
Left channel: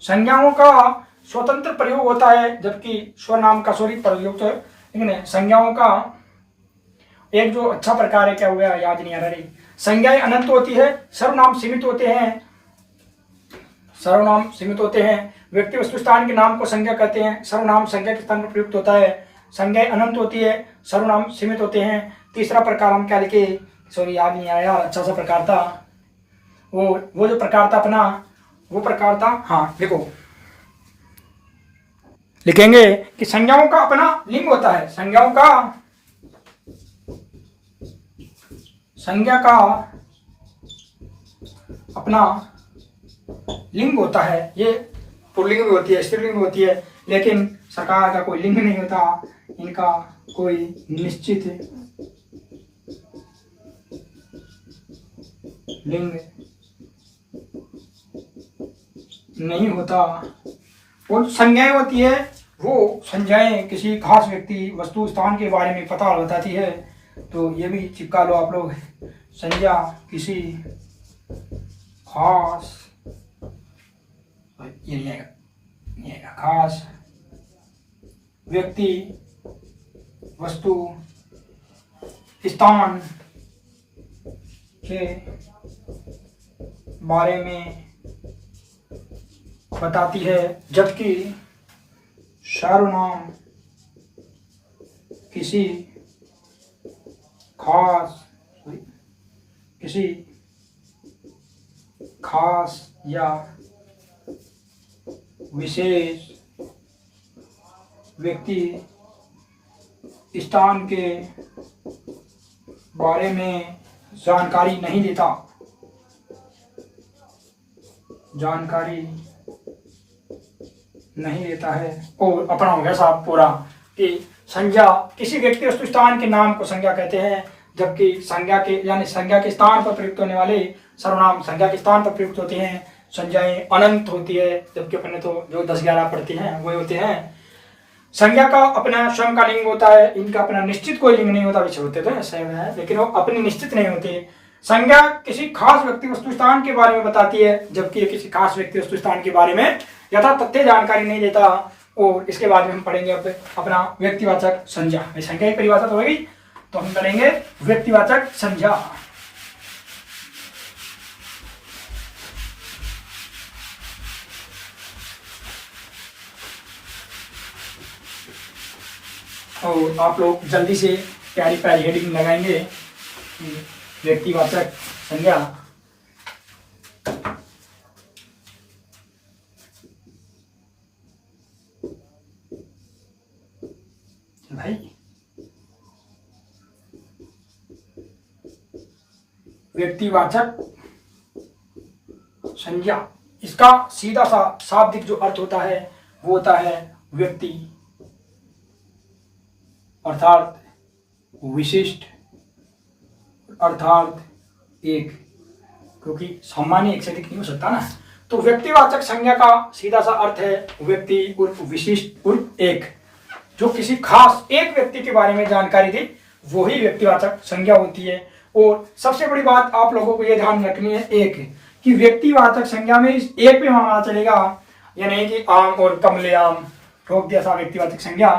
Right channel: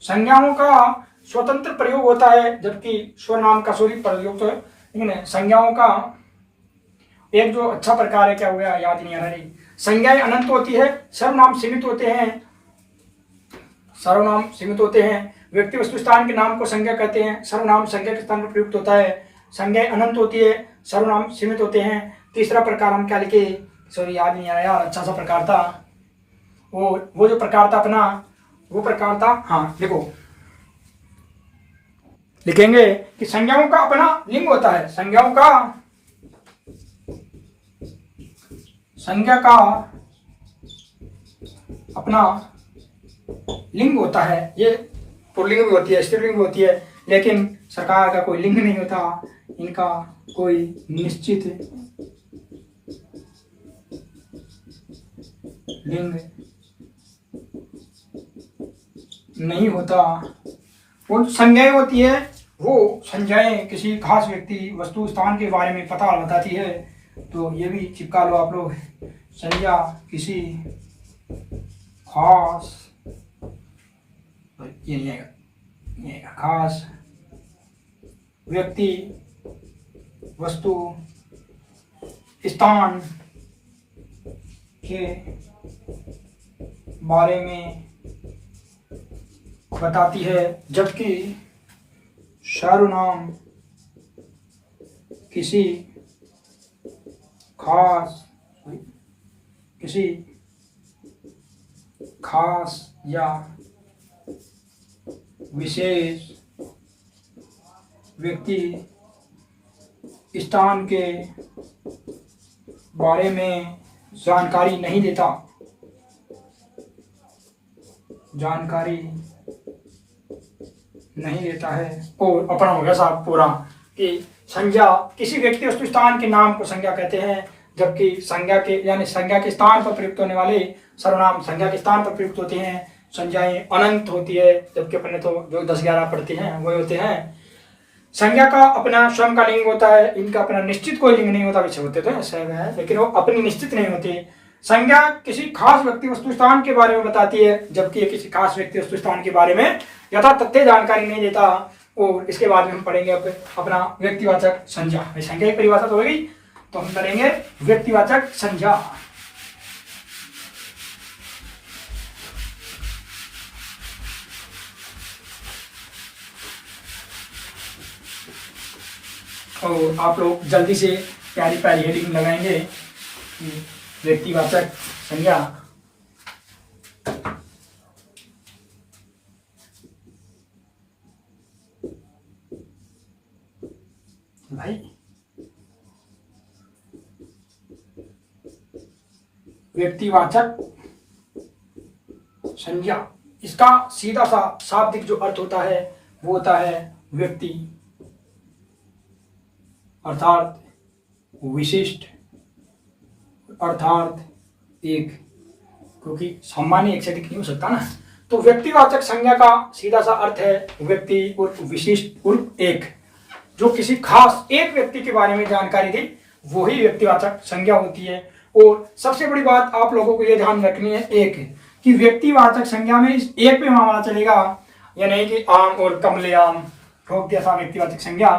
संज्ञाओं का स्वतंत्र प्रयोग होता है, जबकि स्वनाम का सॉरी प्रयोग तो है, लेकिन संज्ञाओं का एक जो अच्छा प्रकार है, क्या हो गया याद नहीं आ रही। संज्ञाएं अनंत होती है, सर्वनाम सीमित होते हैं, सर्वनाम सीमित होते हैं। व्यक्ति वस्तु स्थान के नाम को संज्ञा कहते हैं, सर्वनाम संज्ञा के स्थान पर प्रयुक्त होता है। संज्ञाएं अनंत होती है, सर्वनाम सीमित होते हैं। तीसरा प्रकार हम क्या लिखे, सॉरी याद नहीं आया, अच्छा सा प्रकार था वो जो प्रकार था अपना, वो प्रकार था, हाँ देखो लिखेंगे कि संज्ञाओं का अपना लिंग होता है, संज्ञा का अपना लिंग होता है। ये पुल्लिंग भी होती है, स्त्रीलिंग भी होती है, लेकिन सरकार का कोई लिंग नहीं होता, इनका कोई निश्चित लिंग नहीं होता। वो संज्ञाएं होती है, वो संज्ञाएं किसी खास व्यक्ति, वस्तु, स्थान के बारे में पता बताती है। तो ये भी चिपका लो आप लोग, संज्ञा किसी खास, ये खास व्यक्ति, वस्तु, स्थान के बारे में बताती है, जबकि सर्वनाम किसी खास या विशेष व्यक्ति स्थान के बारे में जानकारी नहीं देता। है। और अपना हो गया साहब पूरा कि संज्ञा किसी व्यक्ति वस्तु स्थान के नाम को संज्ञा कहते हैं, जबकि संज्ञा के यानी संज्ञा के स्थान पर प्रयुक्त होने वाले सर्वनाम संज्ञा के स्थान पर प्रयुक्त होते हैं। संज्ञाएं अनंत होती है, जबकि अपने तो जो 10-11 पढ़ते हैं वो होते हैं। संज्ञा का अपना स्वयं का लिंग होता है, इनका अपना निश्चित कोई लिंग नहीं होता। वैसे होते तो ऐसे है, लेकिन वो अपनी निश्चित नहीं होती। संज्ञा किसी खास व्यक्ति वस्तु स्थान के बारे में बताती है, जबकि ये किसी खास व्यक्ति वस्तु स्थान के बारे में यथा तथ्य जानकारी नहीं देता। और इसके बाद में हम पढ़ेंगे अब अपना व्यक्तिवाचक संज्ञा। संज्ञा की परिभाषा तो होगी, तो हम करेंगे व्यक्तिवाचक संज्ञा। और आप लोग जल्दी से प्यारी प्यारी हेडिंग लगाएंगे कि व्यक्तिवाचक संज्ञा भाई व्यक्तिवाचक संज्ञा, इसका सीधा सा शाब्दिक जो अर्थ होता है वो होता है व्यक्ति अर्थात विशिष्ट अर्थात एक, क्योंकि सामान्य एक से अधिक नहीं हो सकता ना। तो व्यक्तिवाचक संज्ञा का सीधा सा अर्थ है व्यक्ति उर्फ विशिष्ट उर्फ एक। जो किसी खास एक व्यक्ति के बारे में जानकारी दे वो ही व्यक्तिवाचक संज्ञा होती है। और सबसे बड़ी बात आप लोगों को यह ध्यान रखनी है एक कि व्यक्तिवाचक संज्ञा में इस एक पे मामला चलेगा, या नहीं कि आम और कमलेआम ठोक दिया सा व्यक्तिवाचक संज्ञा।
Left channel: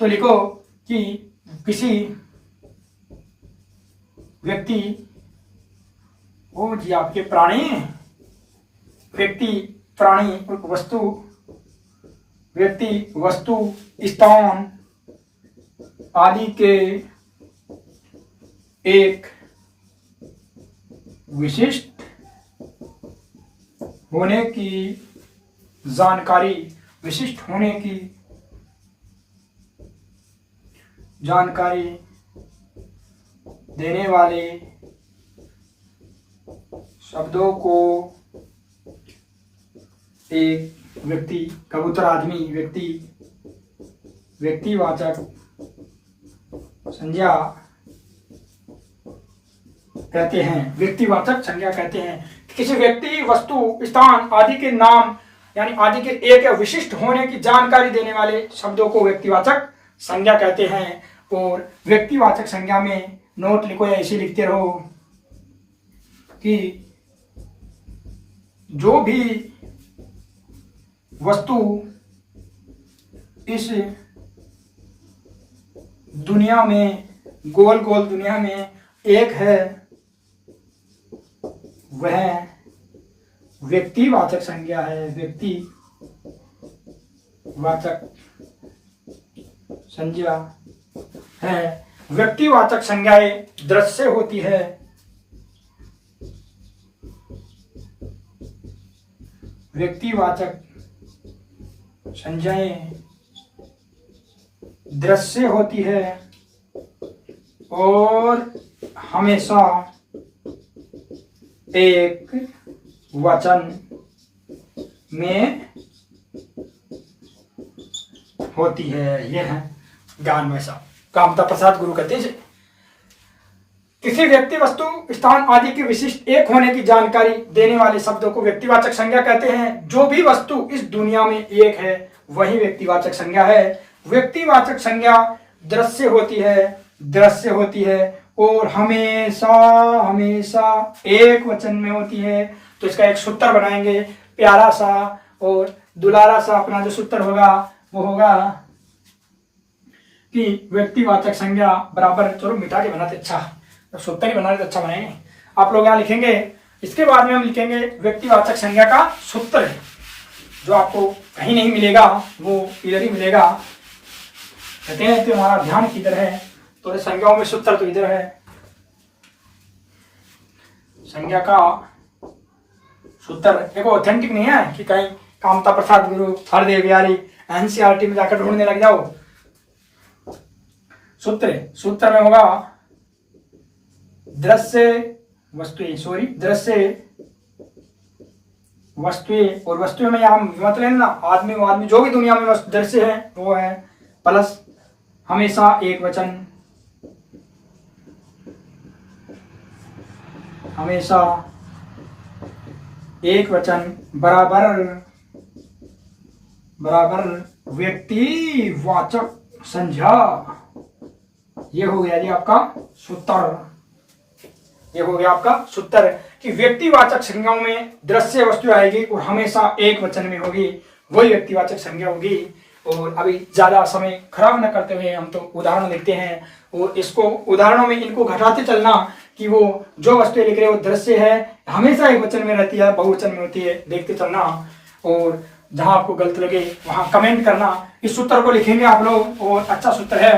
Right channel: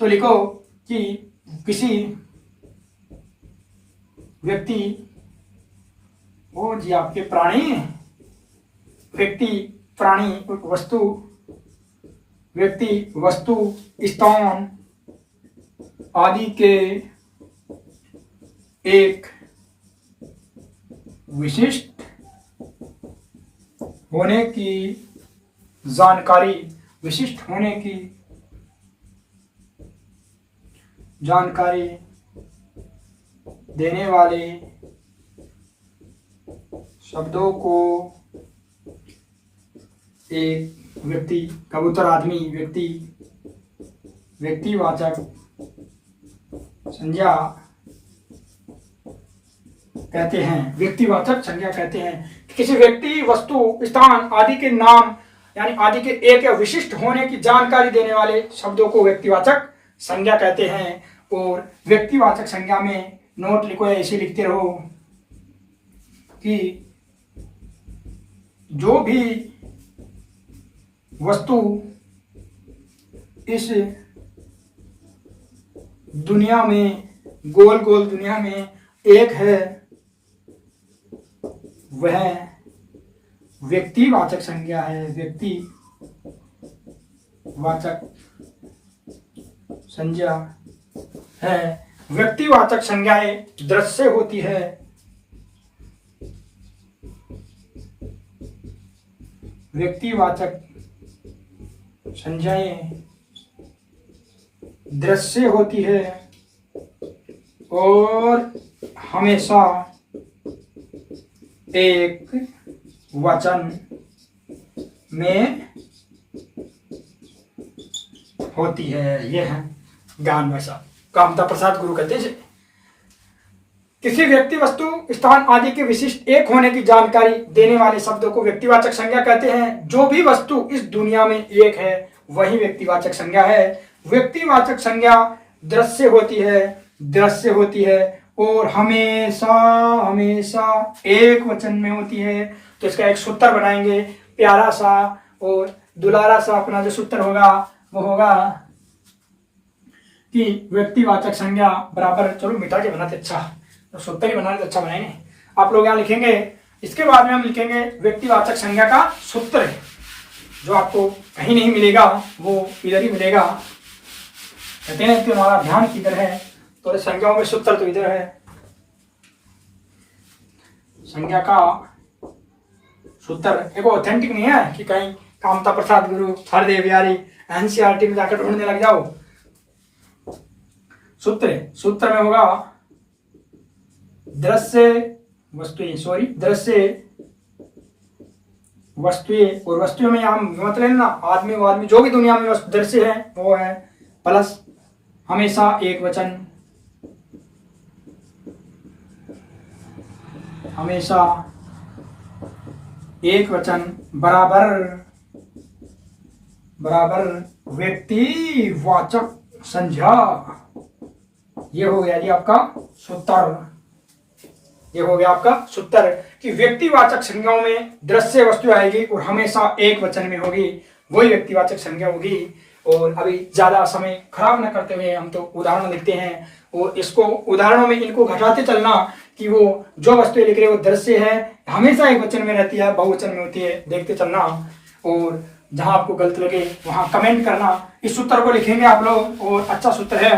तो लिखो कि किसी व्यक्ति वो जी आपके प्राणी व्यक्ति प्राणी वस्तु व्यक्ति वस्तु स्थान आदि के एक विशिष्ट होने की जानकारी विशिष्ट होने की जानकारी देने वाले शब्दों को एक व्यक्ति कबूतर आदमी व्यक्ति व्यक्तिवाचक संज्ञा कहते हैं। व्यक्तिवाचक संज्ञा कहते हैं किसी व्यक्ति वस्तु स्थान आदि के नाम यानी आदि के एक या विशिष्ट होने की जानकारी देने वाले शब्दों को व्यक्तिवाचक संज्ञा कहते हैं। और व्यक्तिवाचक संज्ञा में नोट लिखो या ऐसे लिखते रहो कि जो भी वस्तु इस दुनिया में गोल गोल दुनिया में एक है वह व्यक्तिवाचक संज्ञा है। व्यक्तिवाचक संज्ञा है। व्यक्तिवाचक संज्ञाएं दृश्य होती है। व्यक्तिवाचक संज्ञाएं दृश्य होती है और हमेशा एक वचन में होती है। यह है ज्ञान वैसा कामता प्रसाद गुरु कहते हैं। किसी व्यक्ति वस्तु स्थान आदि के विशिष्ट एक होने की जानकारी देने वाले शब्दों को व्यक्तिवाचक संज्ञा कहते हैं। जो भी वस्तु इस दुनिया में एक है वही व्यक्तिवाचक संज्ञा है। व्यक्तिवाचक संज्ञा दृश्य होती है और हमेशा हमेशा एक वचन में होती है। तो इसका एक सूत्र बनाएंगे प्यारा सा और दुलारा सा। अपना जो सूत्र होगा वो होगा कि व्यक्तिवाचक संज्ञा बराबर, चलो मिटा के बनाते अच्छा, तो सूत्र ही बनाते अच्छा बनाएंगे। आप लोग यहाँ लिखेंगे। इसके बाद में हम लिखेंगे व्यक्तिवाचक संज्ञा का सूत्र, जो आपको कहीं नहीं मिलेगा, वो इधर ही मिलेगा। कहते हैं कि हमारा ध्यान किधर है, तो संज्ञाओं में सूत्र तो इधर है। संज्ञा का सूत्र देखो, ऑथेंटिक नहीं है कि कहीं कामता प्रसाद गुरु हरदेव बिहारी एनसीईआरटी में जाकर ढूंढने लग जाओ। सूत्र में होगा दृश्य वस्तुएं, और वस्तुएं में यहाँ मत लेना आदमी, जो भी दुनिया में दृश्य है वो है, प्लस हमेशा एक वचन, हमेशा एक वचन, बराबर व्यक्तिवाचक संज्ञा। ये हो गया जी आपका सूत्र। ये हो गया आपका सूत्र कि व्यक्तिवाचक संज्ञाओं में दृश्य वस्तु आएगी और हमेशा एक वचन में होगी, वही व्यक्तिवाचक संज्ञा होगी। और अभी ज्यादा समय खराब न करते हुए हम तो उदाहरण लिखते हैं, और इसको उदाहरणों में इनको घटाते चलना कि वो जो वस्तु लिख रहे हो दृश्य है, हमेशा एक वचन में रहती है, बहुवचन में होती है, देखते चलना। और जहां आपको गलत लगे वहां कमेंट करना। इस सूत्र को लिखेंगे आप लोग, और अच्छा सूत्र है।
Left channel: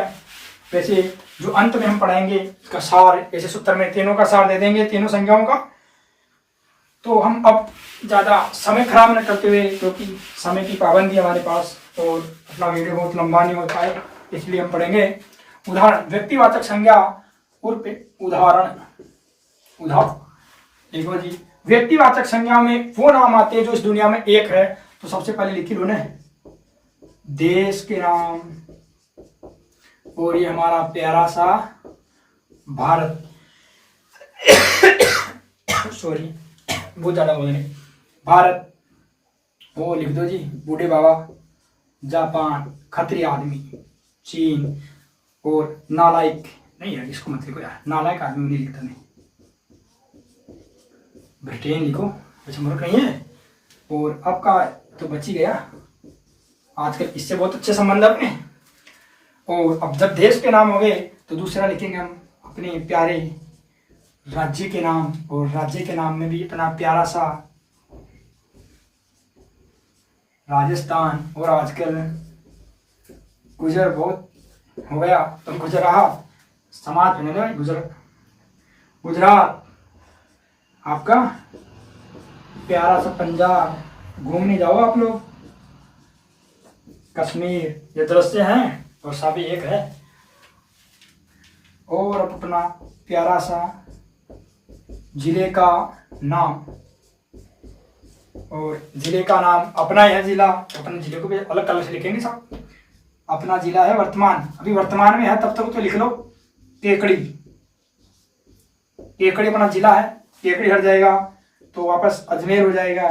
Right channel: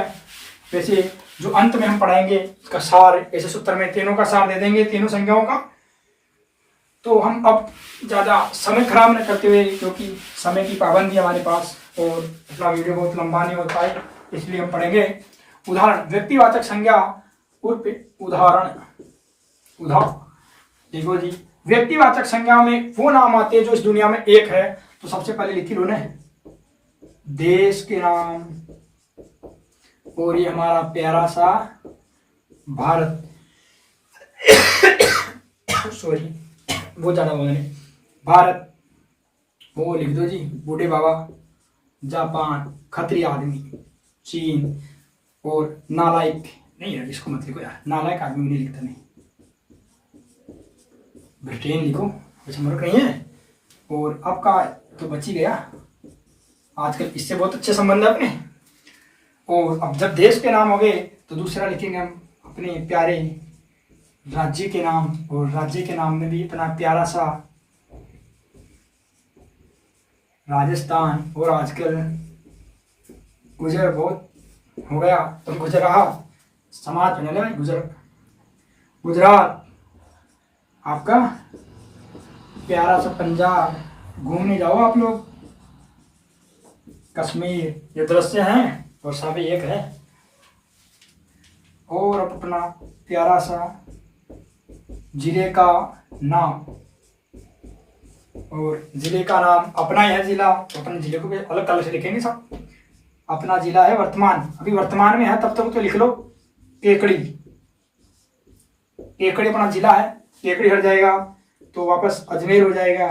वैसे जो अंत में हम पढ़ाएंगे इसका सार, ऐसे सूत्र में तीनों का सार दे देंगे, तीनों संज्ञाओं का। तो हम अब ज्यादा समय खराब न करते हुए, क्योंकि समय की पाबंदी हमारे पास और अपना वीडियो बहुत लंबा नहीं हो पाए, इसलिए हम पढ़ेंगे उदाहरण। व्यक्तिवाचक संज्ञा उर्फ उदाहरण। देखो जी, व्यक्तिवाचक संज्ञा में वो नाम आते हैं जो इस दुनिया में एक है। तो सबसे पहले लिखी लो ना, देश के नाम, और ये हमारा प्यारा सा भारत सॉरी बहुत ज्यादा बोल रहे, भारत। वो लिख दो जी, बूढ़े बाबा, जापान, खतरी आदमी, चीन, और नालायक नहीं है, इसको मत लिखो यार, नालायक आदमी नहीं लिखता, नहीं, ब्रिटेन लिखो, वैसे मर नहीं है। और आपका तो बच ही गया, आजकल इससे बहुत अच्छे संबंध है अपने। और अब जब देश के नाम हो गए तो दूसरा लिखेंगे हम अपने प्यारे राज्य के नाम, और राज्य के नाम में भी इतना प्यारा सा राजस्थान, और आजकल गुजर बहुत हो गया तो गुजरात, समाज में भाई गुजरात, आपका प्यारा सा पंजाब, घूमने जाओ आप लोग, कश्मीर, ये दृश्य हैं और सभी एक है। और अपना प्यारा सा जिले का नाम, और जिले का नाम अपना है जिला, तो अपने जिले को भी अलग कलर से लिखेंगे सब। अपना जिला है वर्तमान, अभी वर्तमान में है, तब तक तो लिख लो केकड़ी। केकड़ी अपना जिला है, केकड़ी हट जाएगा तो वापस अजमेर हो जाएगा।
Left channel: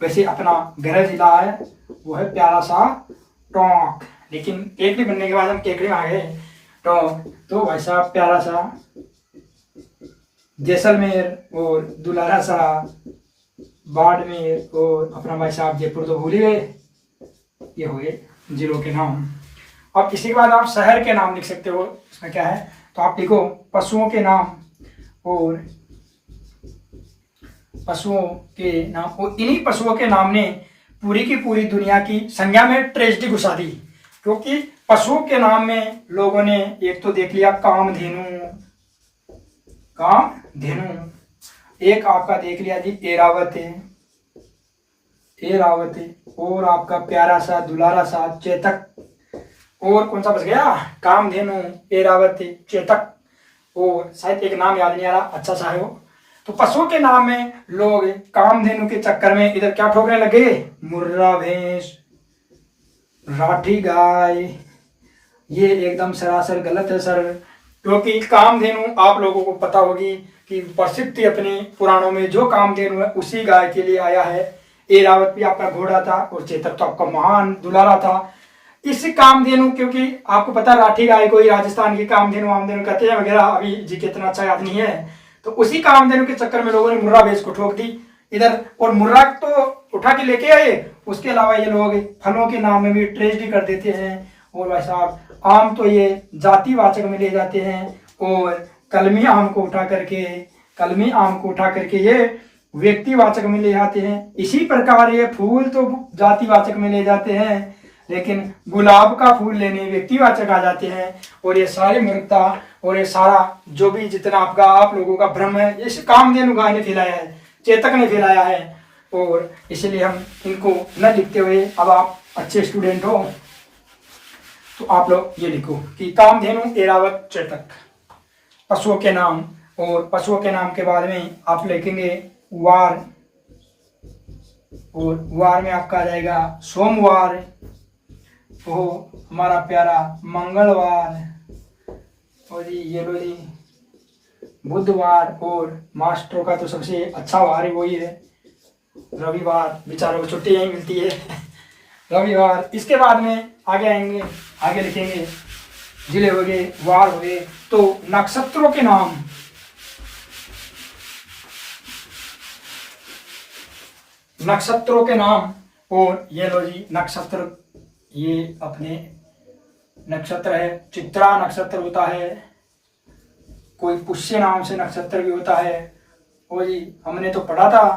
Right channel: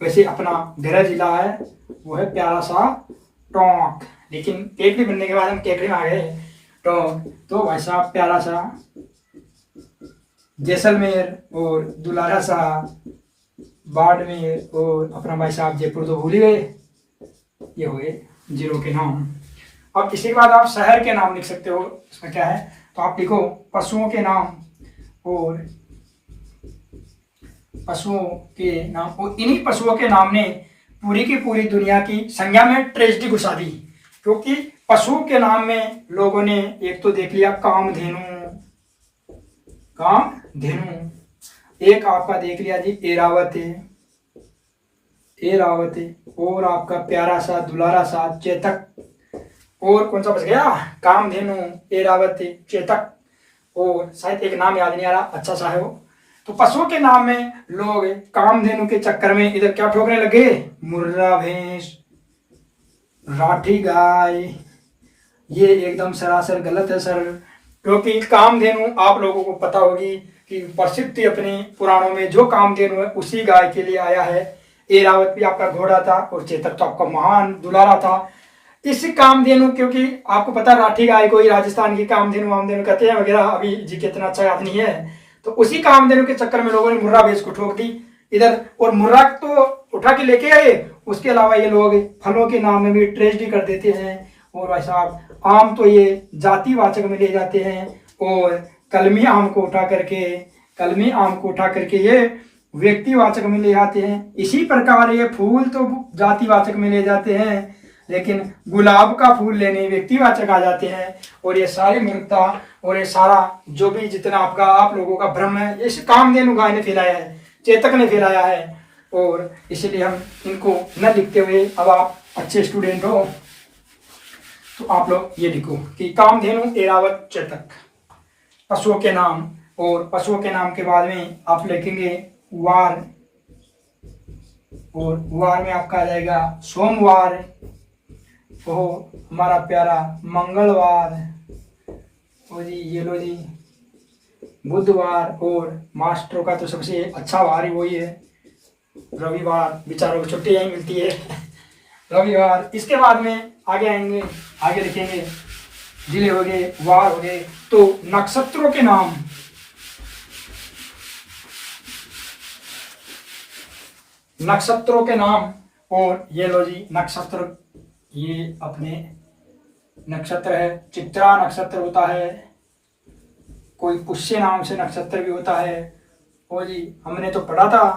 वैसे अपना गृह जिला है वो है प्यारा सा टोंक, लेकिन केकड़ी बनने के बाद हम केकड़ी में आ गए टोंक, तो वैसा प्यारा सा जैसलमेर, और दुलारा सा बाड़मेर, और अपना भाई साहब जयपुर तो भूल ही गए। ये हुए जिलों के नाम। अब इसी के बाद आप शहर के नाम लिख सकते हो, इसमें क्या है, तो आप लिखो पशुओं के नाम, और पशुओं के नाम, और इन्हीं पशुओं के नाम ने पूरी की पूरी दुनिया की संज्ञा में ट्रेजेडी घुसा दी। क्योंकि पशुओं के नाम में लोगों ने एक तो देख लिया कामधेनु, एक आपका देख लिया जी एरावत, और आपका प्यारा सा दुलारा सा चेतक, और कौन सा बच गया, कामधेनु, एरावत, चेतक, और शायद एक नाम याद नहीं आ रहा, अच्छा सा है वो। तो पशुओं के नाम में लोग कामधेनु के चक्कर में इधर क्या ठोकने लगे, मुर्रा भैंस, राठी गाय। ये एकदम सरासर गलत है सर, क्योंकि कामधेनु आप लोगों को पता होगी कि प्रसिद्ध थी अपने पुराणों में, जो कामधेनु है उसी गाय के लिए आया है। एरावत भी आपका घोड़ा था, और चेतक तो आपका महान दुलारा था। इस कामधेनु, क्योंकि आपको पता राठी गाय को ही राजस्थान की कामधेनु वामधेनु कहते हैं वगैरह, अभी जी कितना अच्छा याद नहीं है। तो उसी कामधेनु के चक्कर में लोगों ने मुर्रा भैंस को ठोक दी इधर, और मुर्रा तो उठा के लेके आए, उसके अलावा ये लोग फलों के नाम में भी ट्रेजेडी कर देते हैं। और भाई साहब आम तो ये जातिवाचक में ले जाते हैं, और कलमी आम को उठा करके कलमी आम को उठा करके ये व्यक्तिवाचक में ले आते हैं। इसी प्रकार ये फूल तो जातिवाचक में ले जाते हैं, लेकिन गुलाब का फूल लेने व्यक्तिवाचक आ जाते हैं। और ये सारी मूर्खता और ये सारा जो भी जितना आपका आप लोगों का भ्रम है, ये कामधेनु गाय ने फैलाया है, चेतक ने फैलाया है। और इसलिए हम इनको न लिखते हुए, अब आप अच्छे स्टूडेंट हो तो आप लोग ये लिखो कि कामधेनु, एरावत, चेतक पशुओं के नाम। और पशुओं के नाम के बाद में आप लिखेंगे वार, और वार में आपका आ जाएगा सोमवार, वो हमारा प्यारा मंगलवार, और जी ये लो जी बुधवार, और मास्टरों का तो सबसे अच्छा वार ही वही है रविवार, बेचारों को छुट्टी यही मिलती है रविवार। इसके बाद में आगे आएंगे, आगे लिखेंगे जिले हो गए, वार हो गए। तो नक्षत्रों के नाम, नक्षत्रों के नाम, और ये लो जी नक्षत्र, ये अपने नक्षत्र है, चित्रा नक्षत्र होता है, कोई पुष्य नाम से नक्षत्र भी होता है। और जी हमने तो पढ़ा था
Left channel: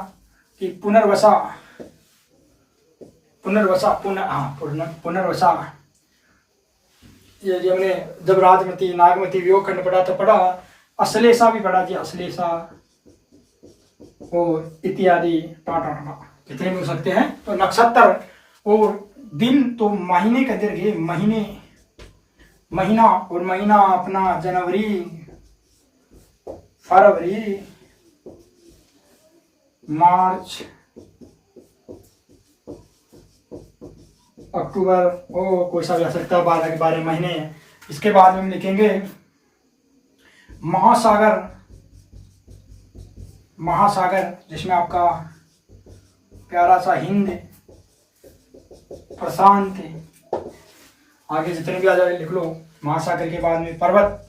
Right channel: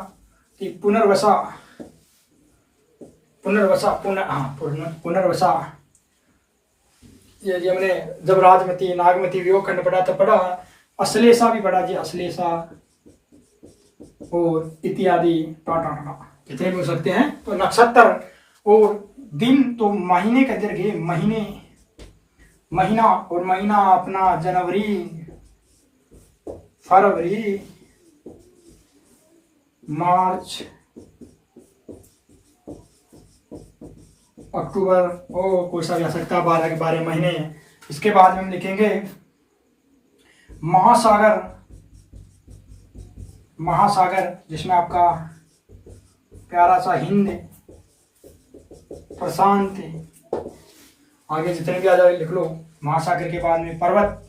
कि पुनर्वसा, पुनर्वसा, ये हमने जब राजमती नागमती वियोग खंड पढ़ा तो पढ़ा, अश्लेषा भी पढ़ा जी, अश्लेषा और इत्यादि टाटा जितने भी हो सकते हैं। तो नक्षत्र और दिन तो महीने का दीर्घ, महीना, और महीना अपना जनवरी, फरवरी, मार्च, अक्टूबर, ओ कोई सा भी आ सकता है, 12 के 12 महीने। इसके बाद में हम लिखेंगे महासागर, महासागर जिसमें आपका प्यारा सा हिंद, प्रशांत, आगे जितने भी आ जाए लिख लो। महासागर के बाद में पर्वत,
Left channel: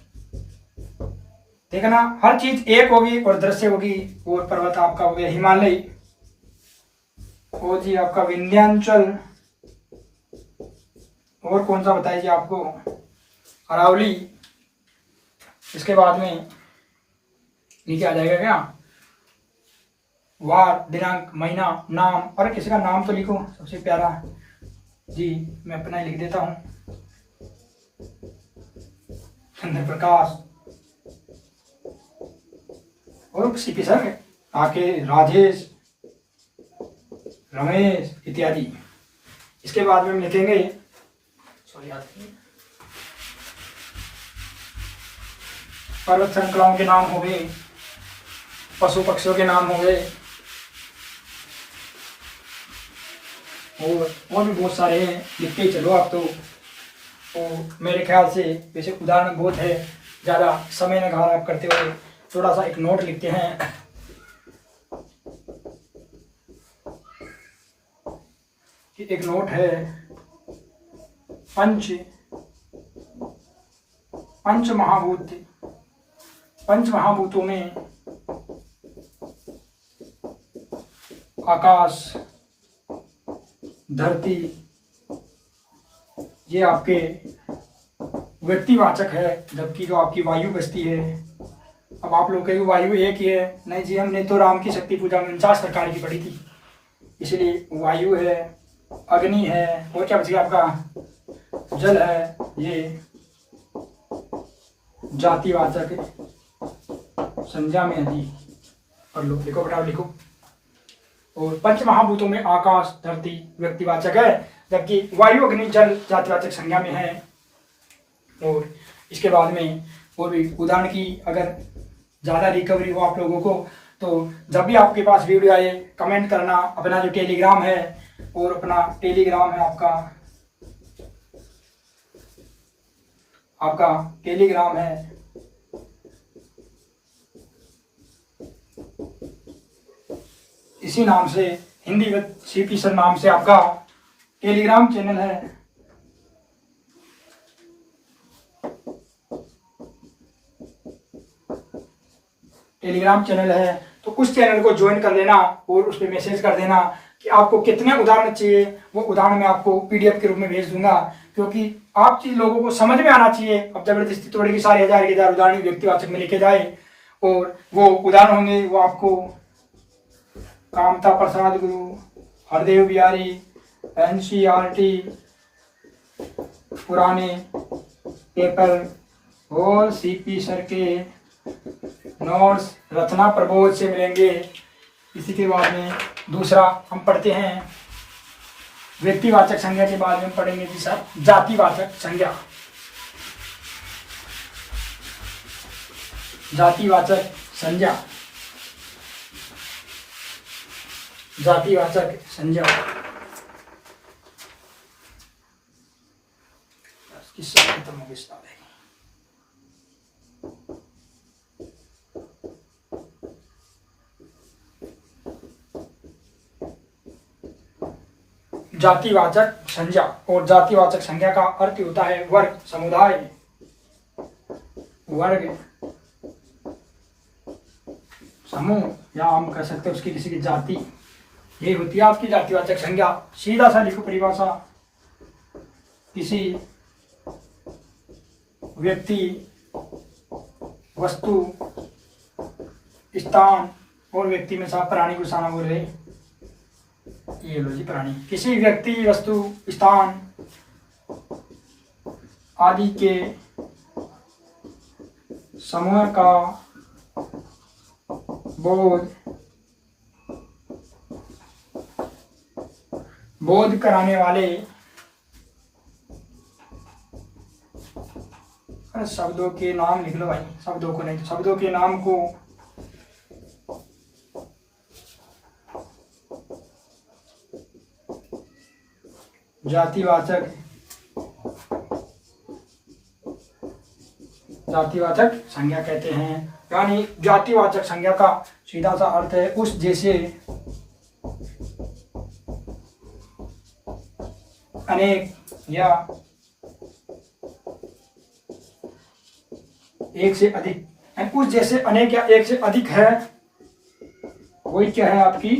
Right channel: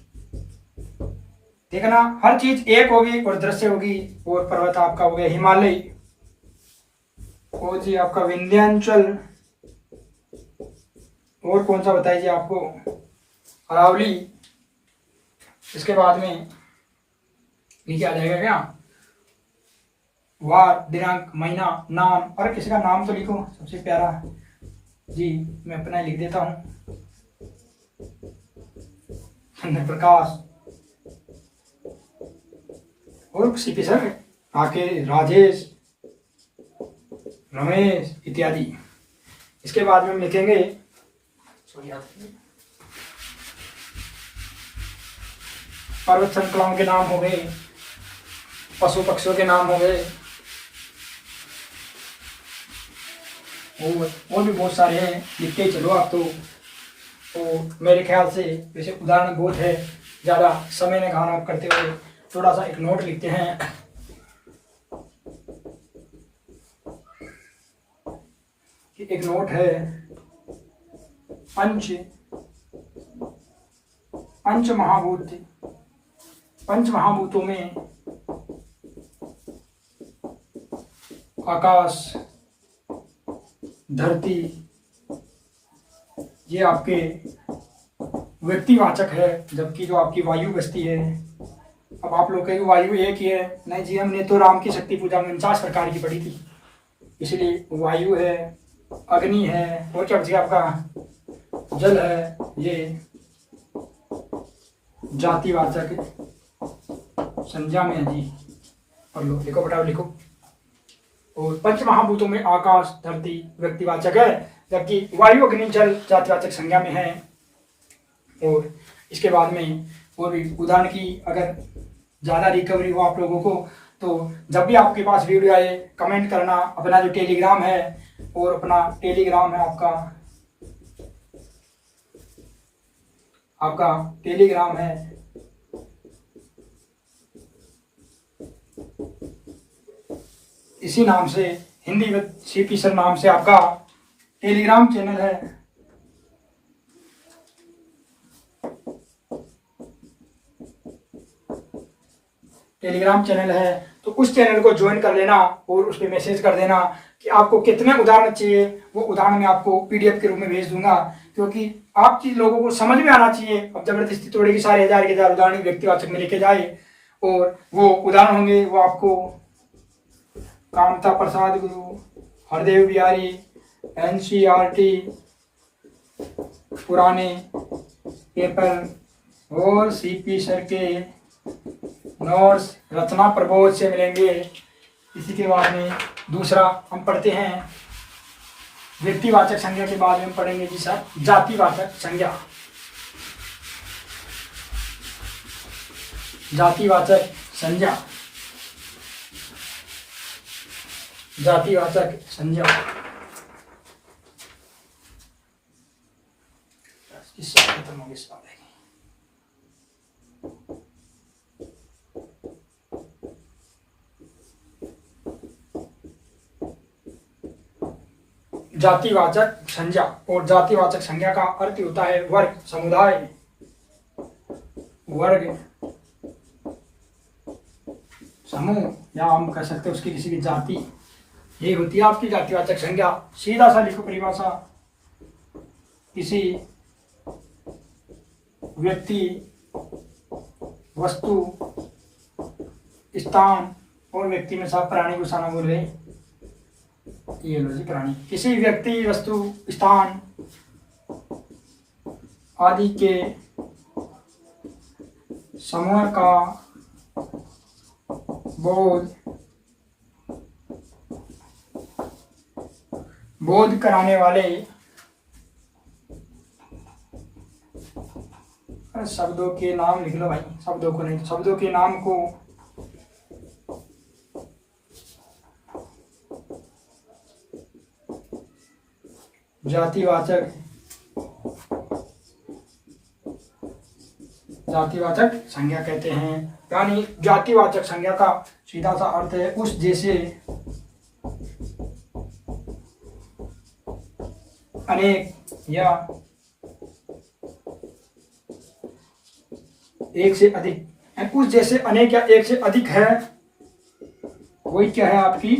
देखना हर चीज एक होगी और दृश्य होगी। और पर्वत आपका हो गया हिमालय, और जी आपका विंध्याचल, और कौन सा बताइए आपको, अरावली। इसके बाद में नीचे आ जाएगा क्या, वार, दिनांक, महीना, नाम, और किसी का नाम तो लिखो सबसे प्यारा जी, मैं अपना लिख देता हूं, चंद्र प्रकाश, और सीपी सर आके राजेश, रमेश इत्यादि। इसके बाद में हम लिखेंगे पर्वत श्रृंखलाओं के नाम हो गए, पशु पक्षियों के नाम हो गए, और भी बहुत सारे हैं, लिखते ही चलो आप तो मेरे ख्याल से वैसे उदाहरण बहुत है, ज़्यादा समय न खराब करते हुए थोड़ा सा एक नोट लिखते हैं। कि एक नोट है, पंच महाभूतों में आकाश, धरती, ये आपके व्यक्तिवाचक है, जबकि जो आपकी वायु बसती है, अब आप लोग कहेंगे वायु एक ही है, नहीं जी, हमने तो राम की शक्ति पूजा में 49 प्रकार की पढ़ी थी, इसलिए वायु है, अग्नि है, और क्या बचेगा आपका जल है, ये जातिवाचक संज्ञा में है जी। और लो लिखो फटाफट लिखो। और पंच महाभूतों में आकाश, धरती व्यक्तिवाचक है, जबकि वायु, अग्नि, जल जातिवाचक संज्ञा में है। और इसके बाद में और भी उदाहरण की अगर ज़्यादा रिकवरी हो आप लोगों को, तो जब भी आपके पास वीडियो आए कमेंट करना। अपना जो टेलीग्राम है, और अपना टेलीग्राम है आपका टेलीग्राम है, इसी नाम से हिंदी विद सीपी सर नाम से आपका टेलीग्राम चैनल है। टेलीग्राम चैनल है तो उस चैनल को ज्वाइन कर लेना और उस पर मैसेज कर देना कि आपको कितने उदाहरण चाहिए। वो उदाहरण मैं आपको पीडीएफ के रूप में भेज दूंगा, क्योंकि आप चीज लोगों को समझ में आना चाहिए। अब जबरदस्ती थोड़े की सारे हजार उदाहरण व्यक्तिवाचक में लिखे जाए और वो उदाहरण होंगे वो आपको कामता प्रसाद गुरु, हरदेव बिहारी, NCERT, पुराने पेपर और CP सर के नोट्स रचना प्रबोध से मिलेंगे। इसी के बाद में दूसरा हम पढ़ते हैं व्यक्तिवाचक संज्ञा के बाद में पढ़ेंगे जी सर जातिवाचक संज्ञा। जातिवाचक संज्ञा, जातिवाचक संज्ञा किससे खत्म होगी स्टार्ट है। जातिवाचक संज्ञा और जातिवाचक संज्ञा का अर्थ होता है वर्ग, समुदाय, वर्ग, समूह, या हम कह सकते हैं उसकी किसी की जाति। ये होती है आपकी जातिवाचक संज्ञा। सीधा सा लिखो परिभाषा, किसी व्यक्ति, वस्तु, स्थान और व्यक्ति में साफ प्राणी को साना बोल रहे। ये लो जी प्राणी, किसी व्यक्ति, वस्तु, स्थान आदि के समूह का बोध कराने वाले शब्दों के नाम लिख लो भाई, शब्दों को नहीं तो शब्दों के नाम को जातिवाचक संज्ञा कहते हैं। यानी जातिवाचक संज्ञा का सीधा सा अर्थ है उस जैसे अनेक या एक से अधिक, उस जैसे अनेक या एक से अधिक है, वही क्या है आपकी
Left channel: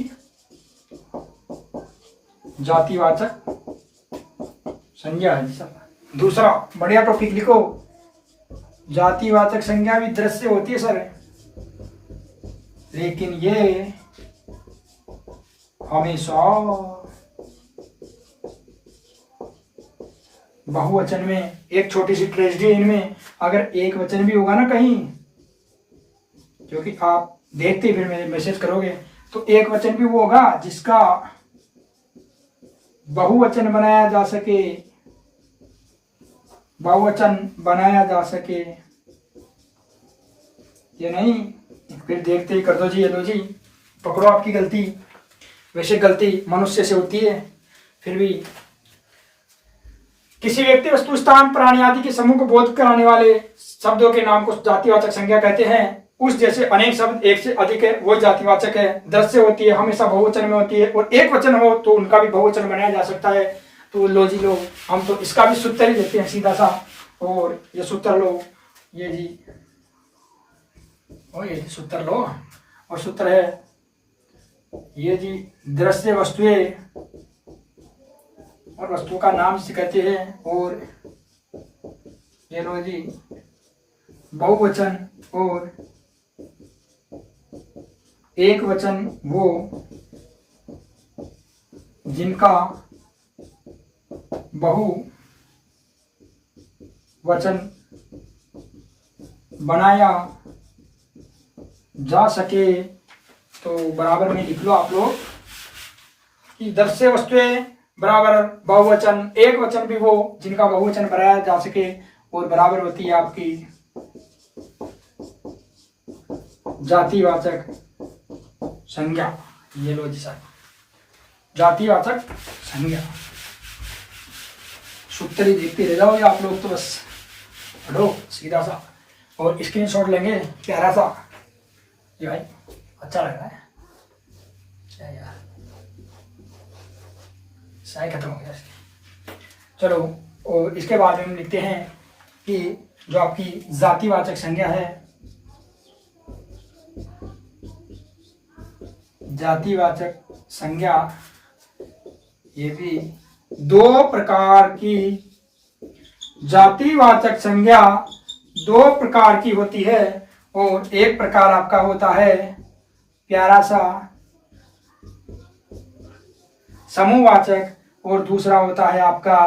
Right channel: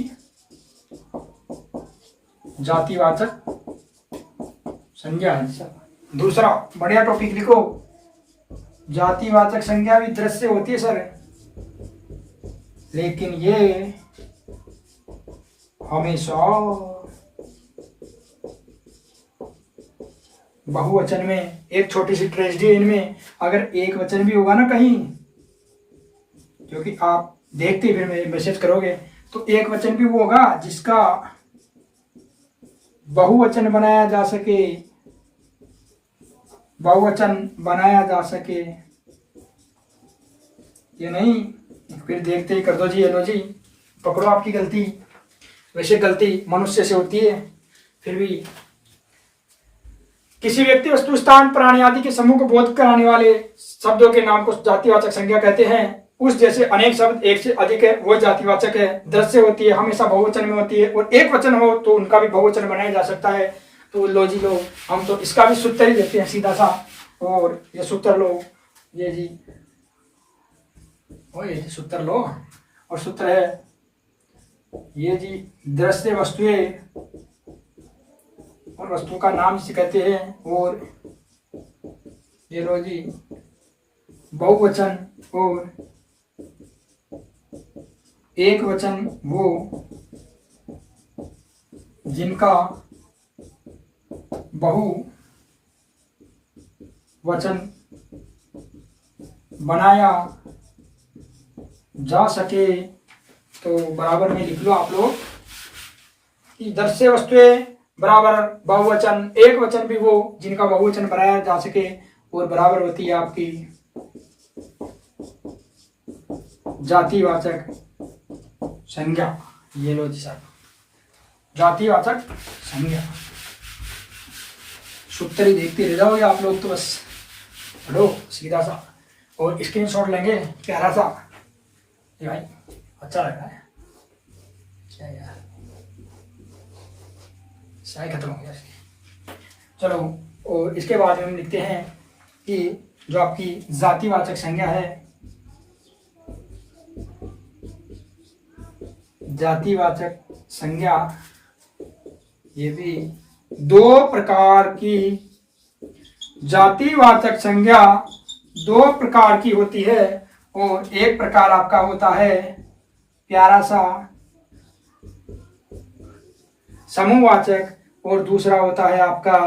जातिवाचक संज्ञा है। दूसरा बढ़िया टॉपिक लिखो, जातिवाचक संज्ञा भी दृश्य होती है सर, लेकिन ये हमेशा बहुवचन में। एक छोटी सी ट्रेजेडी इनमें, अगर एक वचन भी होगा ना कहीं, क्योंकि आप देखते फिर मैसेज करोगे, तो एक वचन भी वो होगा जिसका बहुवचन बनाया जा सके, बहुवचन बनाया जा सके। ये नहीं फिर देखते ही कर दो जी, ये लो जी पकड़ो आपकी गलती। वैसे गलती मनुष्य से होती है, फिर भी किसी व्यक्ति, वस्तु, स्थान, प्राणी आदि के समूह को बोध कराने वाले शब्दों के नाम को जातिवाचक संज्ञा कहते हैं। उस जैसे अनेक शब्द एक से अधिक है वो जातिवाचक है। दृश्य होती है, हमेशा बहुवचन में होती है, और एक वचन हो तो उनका भी बहुवचन बनाया जा सकता है। तो लो जी लो, हम तो इसका भी सूत्र ही देते हैं सीधा सा, और ये सूत्र लो, ये जी और ये सूत्र लो, और सूत्र है ये जी दृश्य वस्तुएं और वस्तु का नाम जिसे कहते हैं, और ये लो जी बहुवचन और एक वचन वो जिनका बहुवचन बनाया जा सके। तो बराबर में लिख लो आप लोग कि दृश्य वस्तुएं बराबर बहुवचन, एक वचन भी वो जिनका बहुवचन बनाया जा सके, और बराबर होती है आपकी जातिवाचक संज्ञा। ये लो जी साहब, जातिवाचक संज्ञा। सूत्र ही देखते रह जाओगे आप लोग, तो बस पढ़ो सीधा सा, और स्क्रीनशॉट लेंगे प्यारा सा। ये भाई अच्छा लग रहा है क्या यार, शायद खत्म हो गया। चलो, और इसके बाद हम लिखते हैं कि जो आपकी जातिवाचक संज्ञा है, जातिवाचक संज्ञा ये भी दो प्रकार की, जातिवाचक संज्ञा दो प्रकार की होती है। और एक प्रकार आपका होता है प्यारा सा समूहवाचक, और दूसरा होता है आपका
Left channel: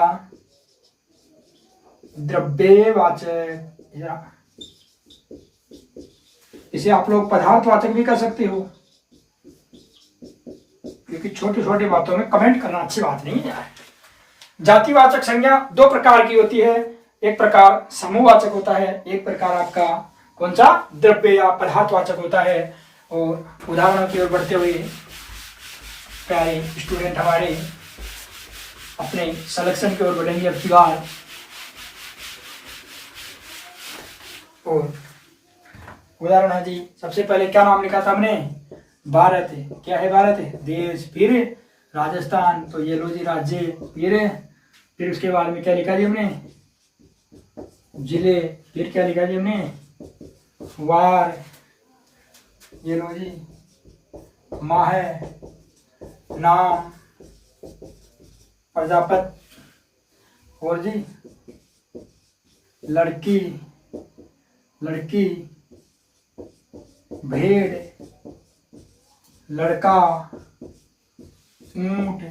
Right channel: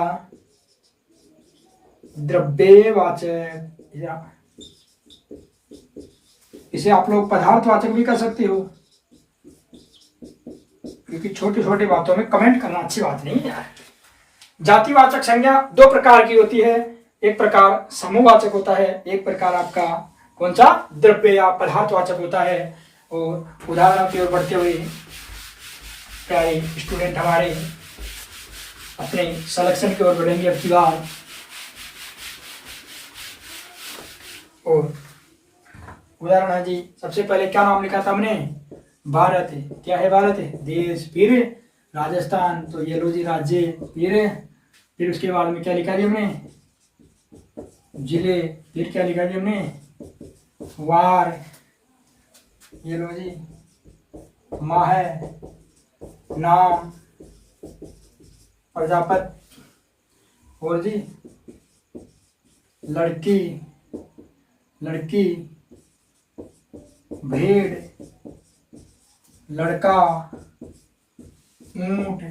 द्रव्यवाचक, या इसे आप लोग पदार्थवाचक भी कर सकते हो, क्योंकि छोटी छोटी बातों में कमेंट करना अच्छी बात नहीं है यार। जातिवाचक संज्ञा दो प्रकार की होती है, एक प्रकार समूहवाचक होता है, एक प्रकार आपका कौन सा द्रव्य या पदार्थवाचक होता है। और उदाहरणों की ओर बढ़ते हुए प्यारे स्टूडेंट हमारे अपने सिलेक्शन की ओर बढ़ेंगे अब की बार। और उदाहरण है जी, सबसे पहले क्या नाम लिखा था हमने, भारत है। क्या है भारत है, देश। फिर राजस्थान, तो ये लो जी राज्य। फिर उसके बाद में क्या लिखा जी हमने, जिले। फिर क्या लिखा जी हमने, वार। ये लो जी माह, नाम, प्रजापति, और जी लड़की, लड़की, भेड़, लड़का, ऊंट,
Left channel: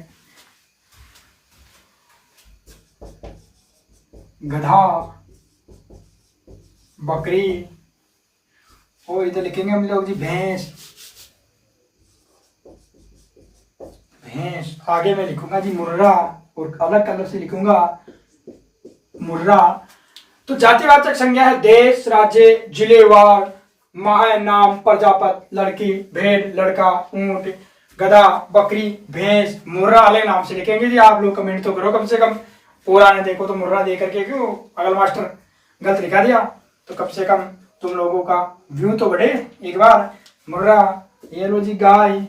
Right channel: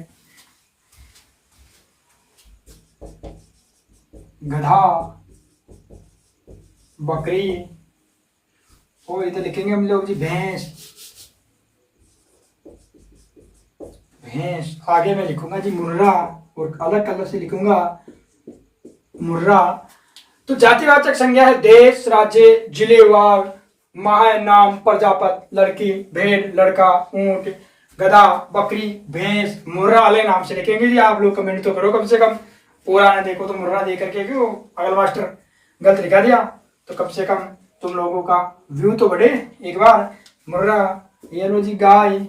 गधा, बकरी, और इधर लिखेंगे हम लोग जी भैंस। भैंस आगे मैं लिखूंगा जी मुर्रा, और अलग कलर से लिखूंगा मुर्रा। तो जातिवाचक संज्ञा है देश, राज्य, जिले, वार, माह, नाम, प्रजापति, लड़की, भेड़, लड़का, ऊंट, गधा, बकरी, भैंस, मुर्रा वाले नाम से लिखेंगे जी। आप लोग कमेंट तो करो कम से कम, पूरा ना देखो तो मुर्रा दे करके क्यों अगला मास्टर गलत लिखा दिया, तो कम से कम तुम लोगों का व्यू तो बढ़े एक बार। मुर्रा, ये लो जी गाय,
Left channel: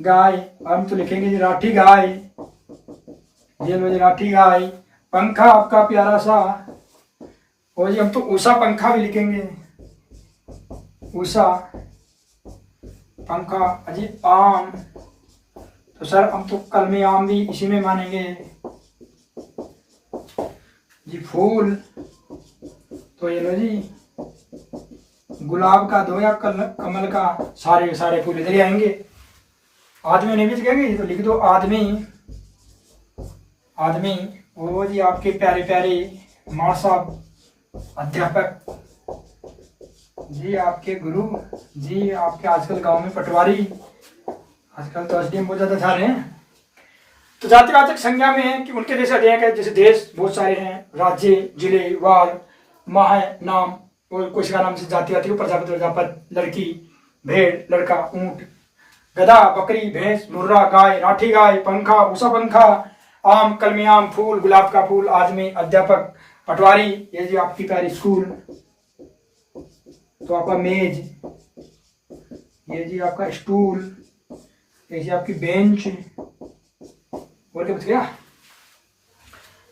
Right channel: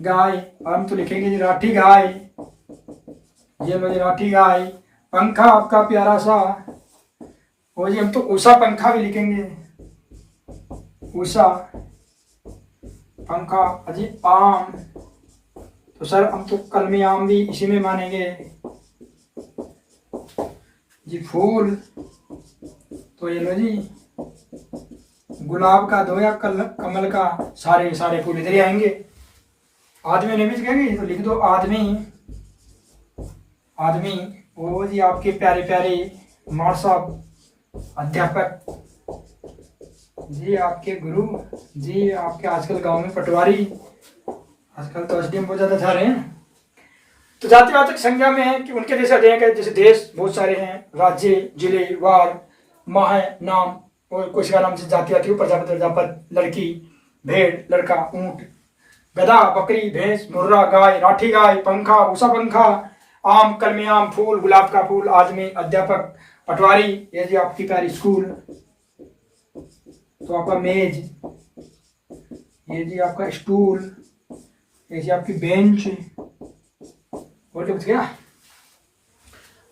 गाय, हम तो लिखेंगे जी राठी गाय। ये लो जी राठी गाय। पंखा आपका प्यारा सा, और जी हम तो उषा पंखा भी लिखेंगे, उषा पंखा। अजी आम, तो सर हम तो कलमी आम भी इसी में मानेंगे जी। फूल, तो ये लो जी गुलाब का दो या कमल का, सारे सारे फूल इधर ही आएंगे। आदमी नहीं भी लिखेंगे तो लिख दो आदमी, आदमी। वो जी आपके प्यारे प्यारे मार साहब अध्यापक जी, आपके गुरु जी, आपके आजकल गांव में पटवारी, आजकल तो एसडीएम बहुत ज्यादा जा रहे हैं। तो जातिवाचक संज्ञा में है कि उनके जैसे अध्ययन है, जैसे देश बहुत सारे हैं, राज्य, जिले, वार, माह, नाम, और कुछ का नाम से जाति आती है, प्रजापति, प्रजापति, लड़की, भेड़, लड़का, ऊंट, गधा, बकरी, भैंस, मुर्रा, गाय, राठी गाय, पंखा, उषा पंखा, आम, कलमी आम, फूल, गुलाब का फूल, आदमी, अध्यापक, पटवारी। ये जी आपकी प्यारी स्कूल, तो आपका मेज, ये जी आपका स्टूल, ये जी आपकी बेंच। और क्या बच गया,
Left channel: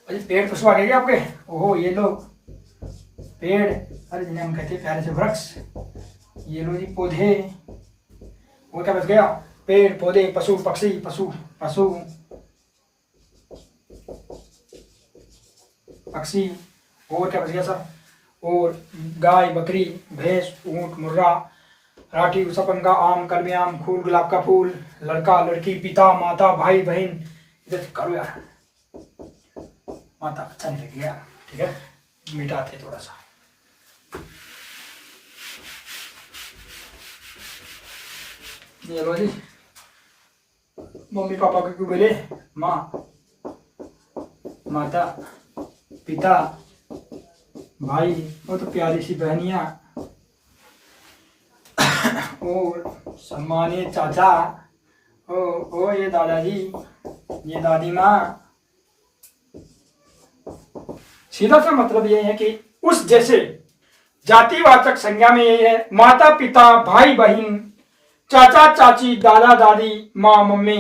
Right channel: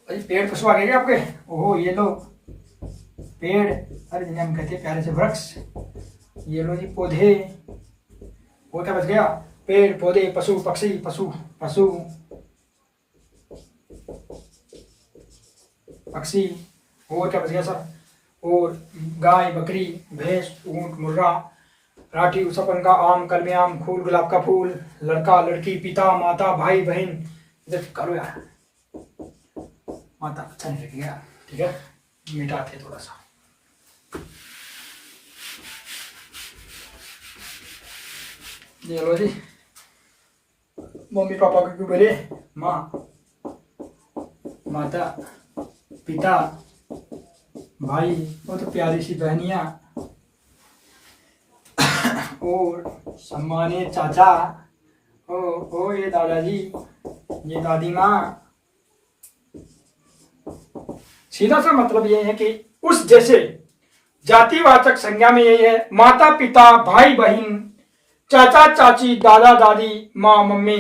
अरे पेड़ पशु आ गए क्या आपके, ओहो ये लो पेड़, अरे जिन्हें हम कहते हैं प्यारे से वृक्ष। ये लो जी पौधे, वो क्या बच गया, पेड़, पौधे, पशु, पक्षी, पशु, पशु, पक्षी। और क्या बच गया सर, और गाय, बकरी, भैंस, ऊंट, मुर्रा, राठी, उषा पंखा, आम, कलमी आम, फूल, गुलाब का फूल, लड़का, लड़की, पिता, माता, भाई, बहन। इधर करो यार, माता अच्छा नहीं लग गया, ठीक है, मिटाते थोड़ा सा। ये लो जी मम्मी पापा को क्यों बोले, माँ, माता, पिता, भाई, वो तो प्यारी सी बहनियां, और सम्मानित चाचा, ओ ये दादाजी, ये दादी माँ। सीधा सा मतलब ये है कि उस जैसे जातिवाचक संज्ञा में ये है माता पिता, भाई बहन, चाचा चाची, दादा दादी, माँ मम्मी,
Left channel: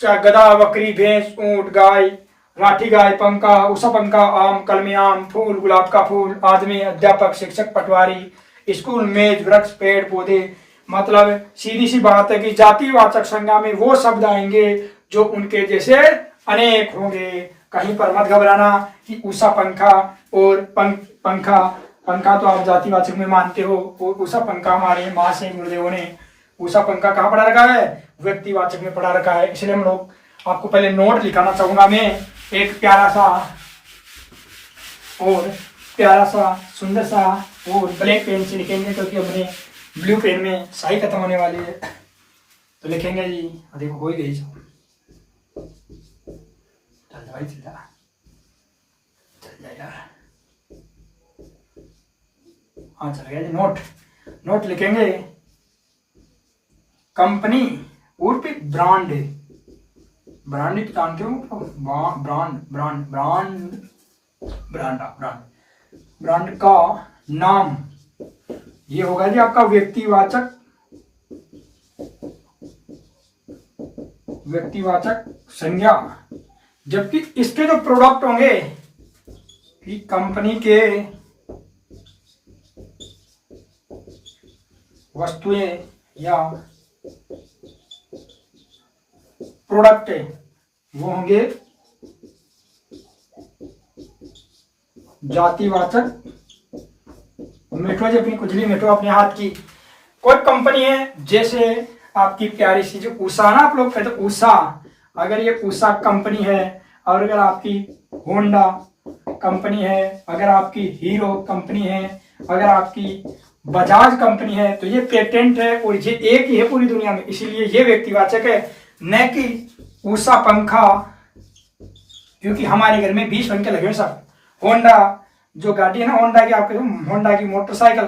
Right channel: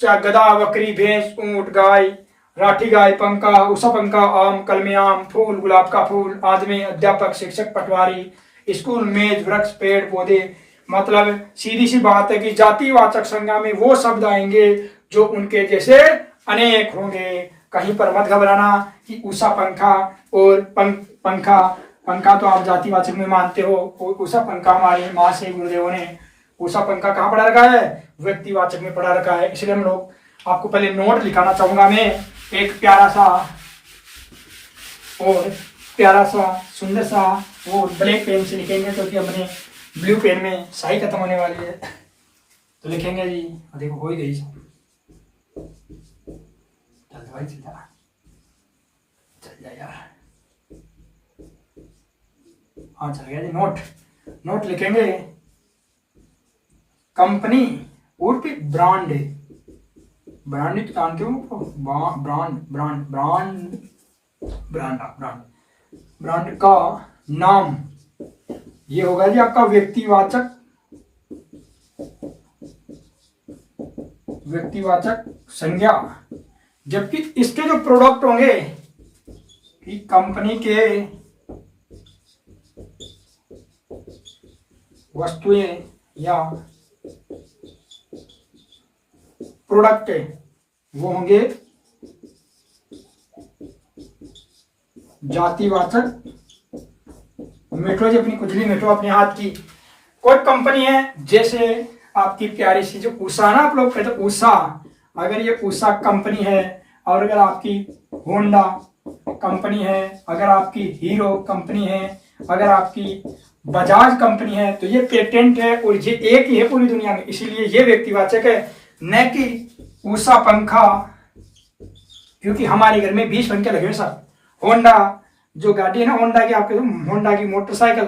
गधा, बकरी, भैंस, ऊंट, गाय, राठी गाय, पंखा, उषा पंखा, आम, कलमी आम, फूल, गुलाब का फूल, आदमी, अध्यापक, शिक्षक, पटवारी, स्कूल, मेज, वृक्ष, पेड़, पौधे। मतलब सीधी सी बात है कि जातिवाचक संज्ञा में वो शब्द आएंगे जो उनके जैसे अनेक होंगे। कहीं पर मत घबराना कि उषा पंखा और पंखा पंखा तो आप जातिवाचक में मानते हो, उषा पंखा हमारे माँ से गुरुदेवों ने उषा पंखा कहाँ पढ़ा रखा है, व्यक्तिवाचक में पढ़ा रखा है। इसलिए हम लोग आपको पहले नोट लिखाना चाहूंगा मैं, एक प्यारा सा सुंदर सा और ब्लैक पेन से लिखेंगे, क्योंकि हमने ब्लू पेन में स्याही खत्म होने वाली है। तो लिखेंगे जी, देखो हो ही गई, चल भाई चल जा यार, हाँ चल गया जी। नोट लिखेंगे, कंपनी उर्फ ब्रांड जानते हो, ब्रांड का नाम, ये होगा जी आपका व्यक्तिवाचक संज्ञा। जबकि इसके जो प्रोडक्ट होंगे कि कंपनी के वस्तुएं या प्रोडक्ट वो होंगे जातिवाचक। मेट्रो जी अपनी कुचली मेट्रो अपने हाथ की, कोई कंपनी है, जैसे आपकी प्यारी सी जो उषा ना, आप लोग कहते हैं उषा, अगर ये उषा कंपनी है, और अगर आपकी होंडा कंपनी है, अगर आपकी हीरो कंपनी है, अगर आपकी बजाज कंपनी है, तो ये पेटेंट है और ये एक ही है पूरी दुनिया में, इसीलिए ये व्यक्तिवाचक है, न कि उषा पंखा। क्योंकि हमारे घर में 20 पंखे लगे हुए सब। होंडा जो गाड़ी है ना, होंडा की, आपके होंडा की मोटरसाइकिल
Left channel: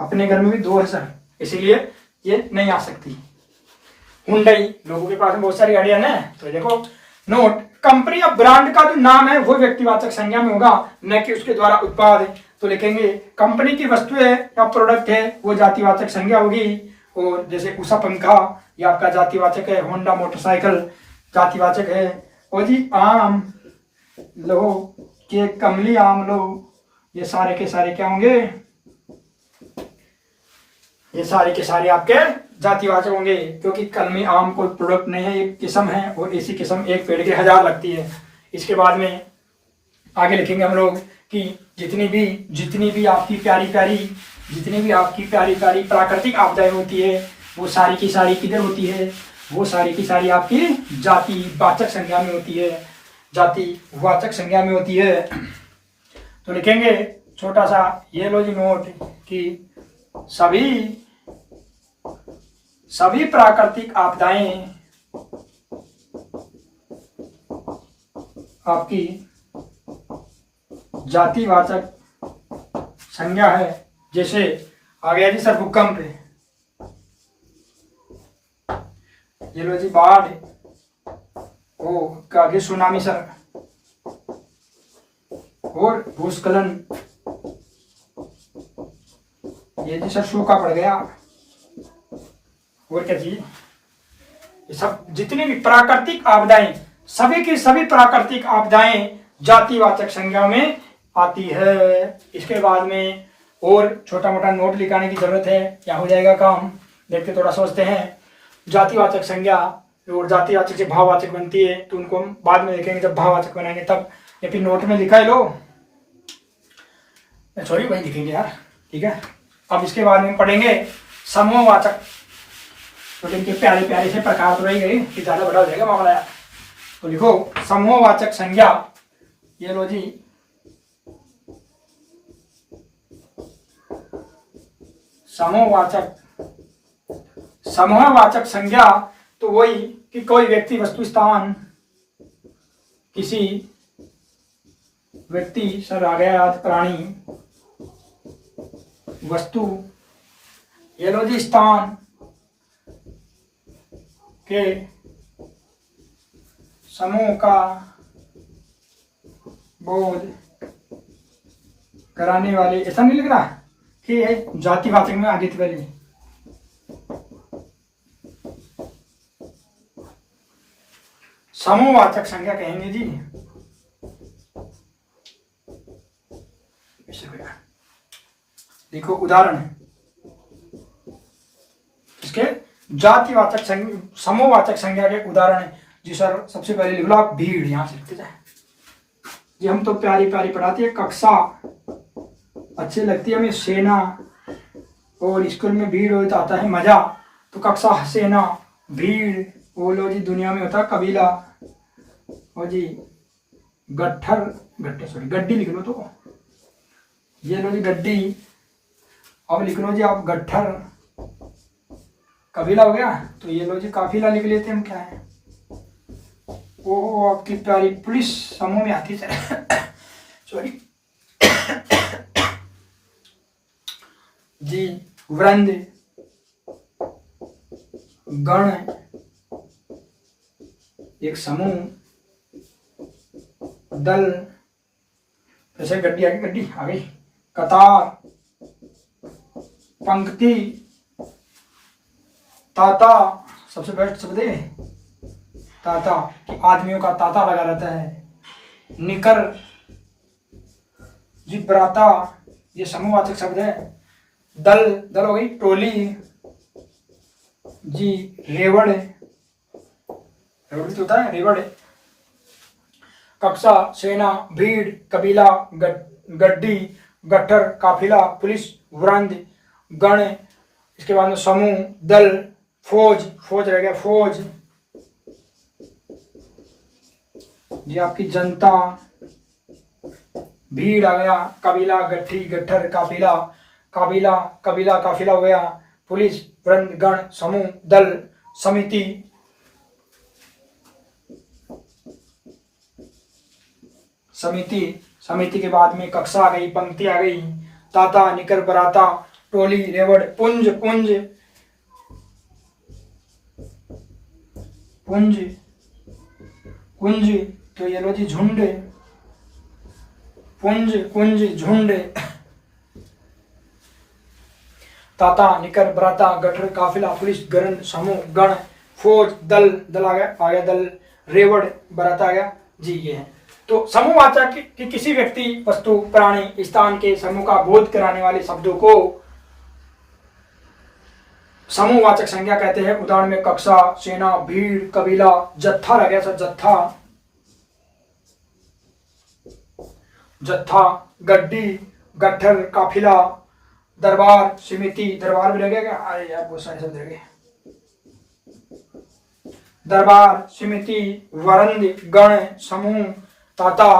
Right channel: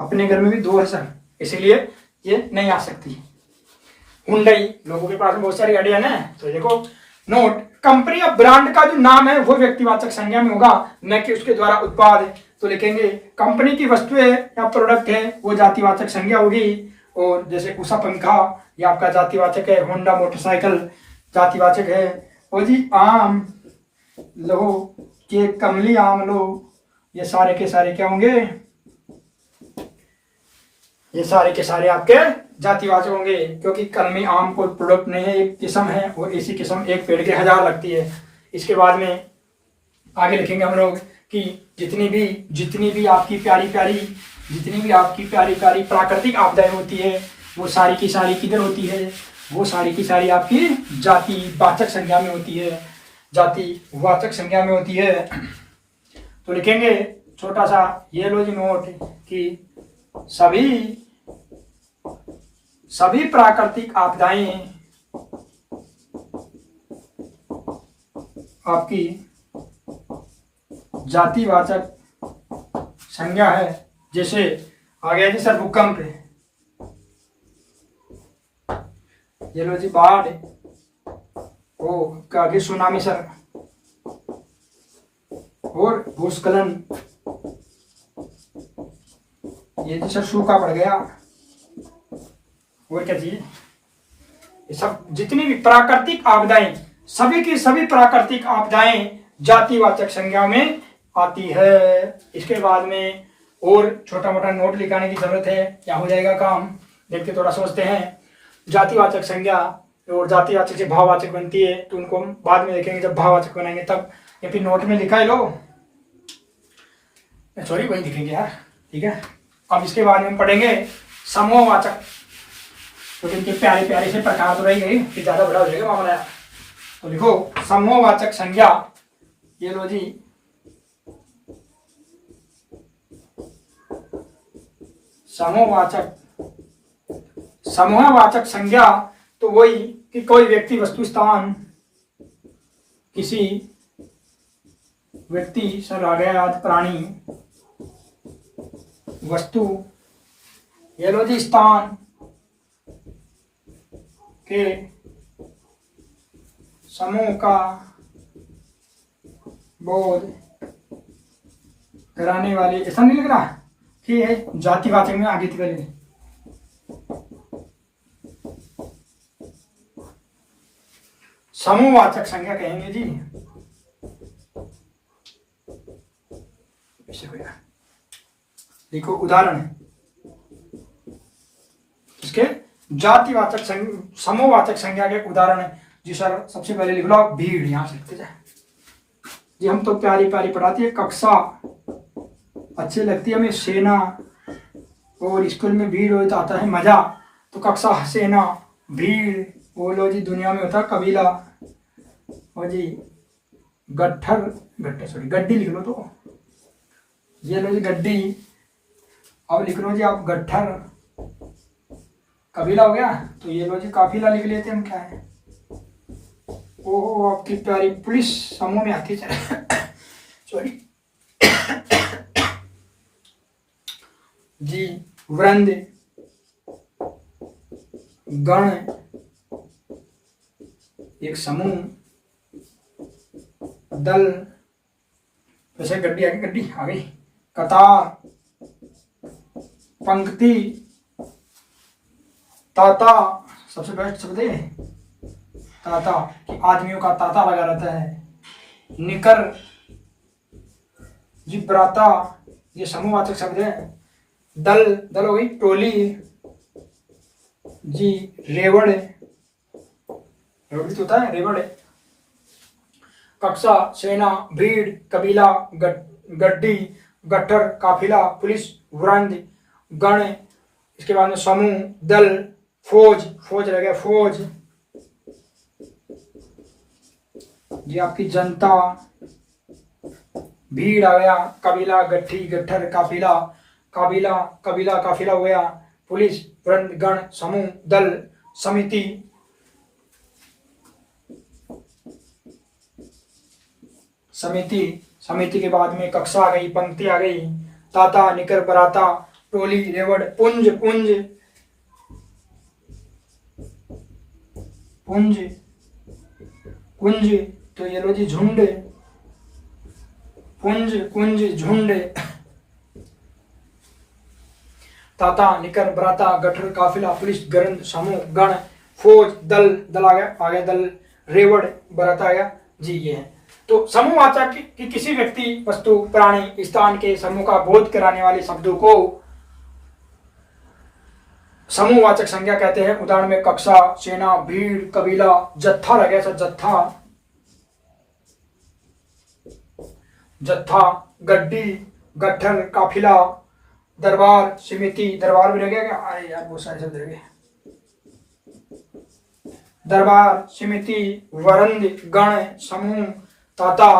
अपने घर में भी 2 है सर, इसीलिए ये नहीं आ सकती। हुंडई लोगों के पास में बहुत सारी गाड़ियां ना, तो देखो नोट, कंपनी या ब्रांड का जो नाम है वो व्यक्तिवाचक संज्ञा में होगा, न कि उसके द्वारा उत्पाद। तो लिखेंगे कंपनी की वस्तुएं या प्रोडक्ट है वो जातिवाचक संज्ञा होगी। और जैसे उषा पंखा ये आपका जातिवाचक है, होंडा मोटरसाइकिल जातिवाचक है। और जी आम लो के कमली आम लो, ये सारे के सारे क्या होंगे, ये सारे के सारे आपके जातिवाचक होंगे, क्योंकि कलमी आम कोई प्रोडक्ट नहीं है, एक किस्म है, और ऐसी किस्म एक पेड़ के 1000 लगती है। इसके बाद में आगे लिखेंगे हम लोग कि जितनी भी आपकी प्यारी प्यारी प्राकृतिक आपदाएं होती है, वो सारी की सारी किधर होती है, वो सारी की सारी आपकी जातिवाचक संज्ञा में होती है, जातिवाचक संज्ञा में होती है। तो लिखेंगे छोटा सा ये लो जी नोट कि सभी प्राकृतिक आपदाएं आपकी जातिवाचक संज्ञा है। जैसे आ गया जी सर भूकंप, ये लो जी बाढ़, ओ आगे सुनामी सर, और भूस्खलन, ये जी सर सूखा पड़ गया, और क्या जी, ये सब जितनी भी प्राकृतिक आपदाएं, सभी की सभी प्राकृतिक आपदाएं जातिवाचक संज्ञा में आती है। इसके बाद में और छोटा मोटा नोट लिखाने की जरूरत है, क्या हो जाएगा काम, देखते थोड़ा सोचते हैं। जातिवाचक संज्ञा और जातिवाचक से भाववाचक बनती है, तो उनको हम बाद में देखेंगे जब भाववाचक बनाएंगे तब, या फिर नोट में लिखा है लो, सॉरी वही लिखेंगे यार, ठीक है। अब इसके बाद में पढ़ेंगे समूहवाचक, तो इनके प्यारे प्यारे से प्रकार तो रही गई कि ज्यादा बड़ा हो जाएगा मामला यार। तो लिखो समूहवाचक संज्ञा, ये लो जी समूहवाचक संज्ञा, तो वही कि कोई व्यक्ति वस्तु स्थान, किसी व्यक्ति सर आ गया याद, प्राणी वस्तु, ये लो जी स्थान के समूह का बोध कराने वाले, ऐसा नहीं लग रहा कि है जातिवाचक में आगे करिए। समूहवाचक संज्ञा कहेंगे जी, देखो उदाहरण है इसके जातिवाचक समूहवाचक संज्ञा के उदाहरण है जी सर। सबसे पहले लिख लो आप भीड़, यहां से लिखते जाए, जी हम तो प्यारी प्यारी पढ़ाती है, कक्षा अच्छी लगती है हमें, सेना, और स्कूल में भीड़ हो तो आता है मजा, तो कक्षा सेना भीड़, वो लो जी दुनिया में होता है कबीला, और जी गट्ठर गट्ठर सॉरी गड्डी लिख लो, तो ये लो जी गड्डी, अब लिख लो जी आप गट्ठर, कबीला हो गया, तो ये लो जी काफिला लिख लेते हैं हम, क्या है वो आपकी प्यारी पुलिस समूह में आती है सॉरी जी वृंद, गण एक समूह, दल, जैसे गड्डी आ गई, गड्डी आ गई, कतार, पंक्ति, ताता, सबसे बेस्ट शब्द है ताता, कि आदमियों का ताता लगा रहता है, निकर, जी बराता, ये समूहवाचक शब्द है, दल, दल हो गई टोली, जी रेवड़, रेवड़ तो होता है रेवड़, कक्षा सेना भीड़ कबीला गड्डी गट्ठर काफिला पुलिस वृंद गण, इसके बाद में समूह दल फौज, फौज रह गया फौज, जी आपकी जनता, भीड़ आ गया, कबीला गट्ठी गट्ठर काफिला, काबीला कबीला काफिला हो गया, पुलिस वृंद गण समूह दल समिति, समिति, समिति के बाद में कक्षा आ गई, पंक्ति आ गई, ताता निकर बराता टोली रेवड़, पुंज पुंज पुंज कुंज, तो ये लो जी झुंड, पुंज कुंज झुंड, ताता निकर बराता गठर काफिला पुलिस गरन समूह गण फौज दल, दल आ गया दल, रेवड़ बराता आ गया जी, ये है। तो समूहवाचक कि किसी व्यक्ति वस्तु प्राणी स्थान के समूह का बोध कराने वाले शब्दों को समूहवाचक संज्ञा कहते हैं। उदाहरण में कक्षा सेना भीड़ कबीला जत्था रह गया, जत्था, जत्था गड्डी गट्ठर काफिला दरबार समिति, दरबार भी रह गया क्या, अरे यार बहुत सारे शब्द रह गए, दरबार समिति वरंद गण समूह ताता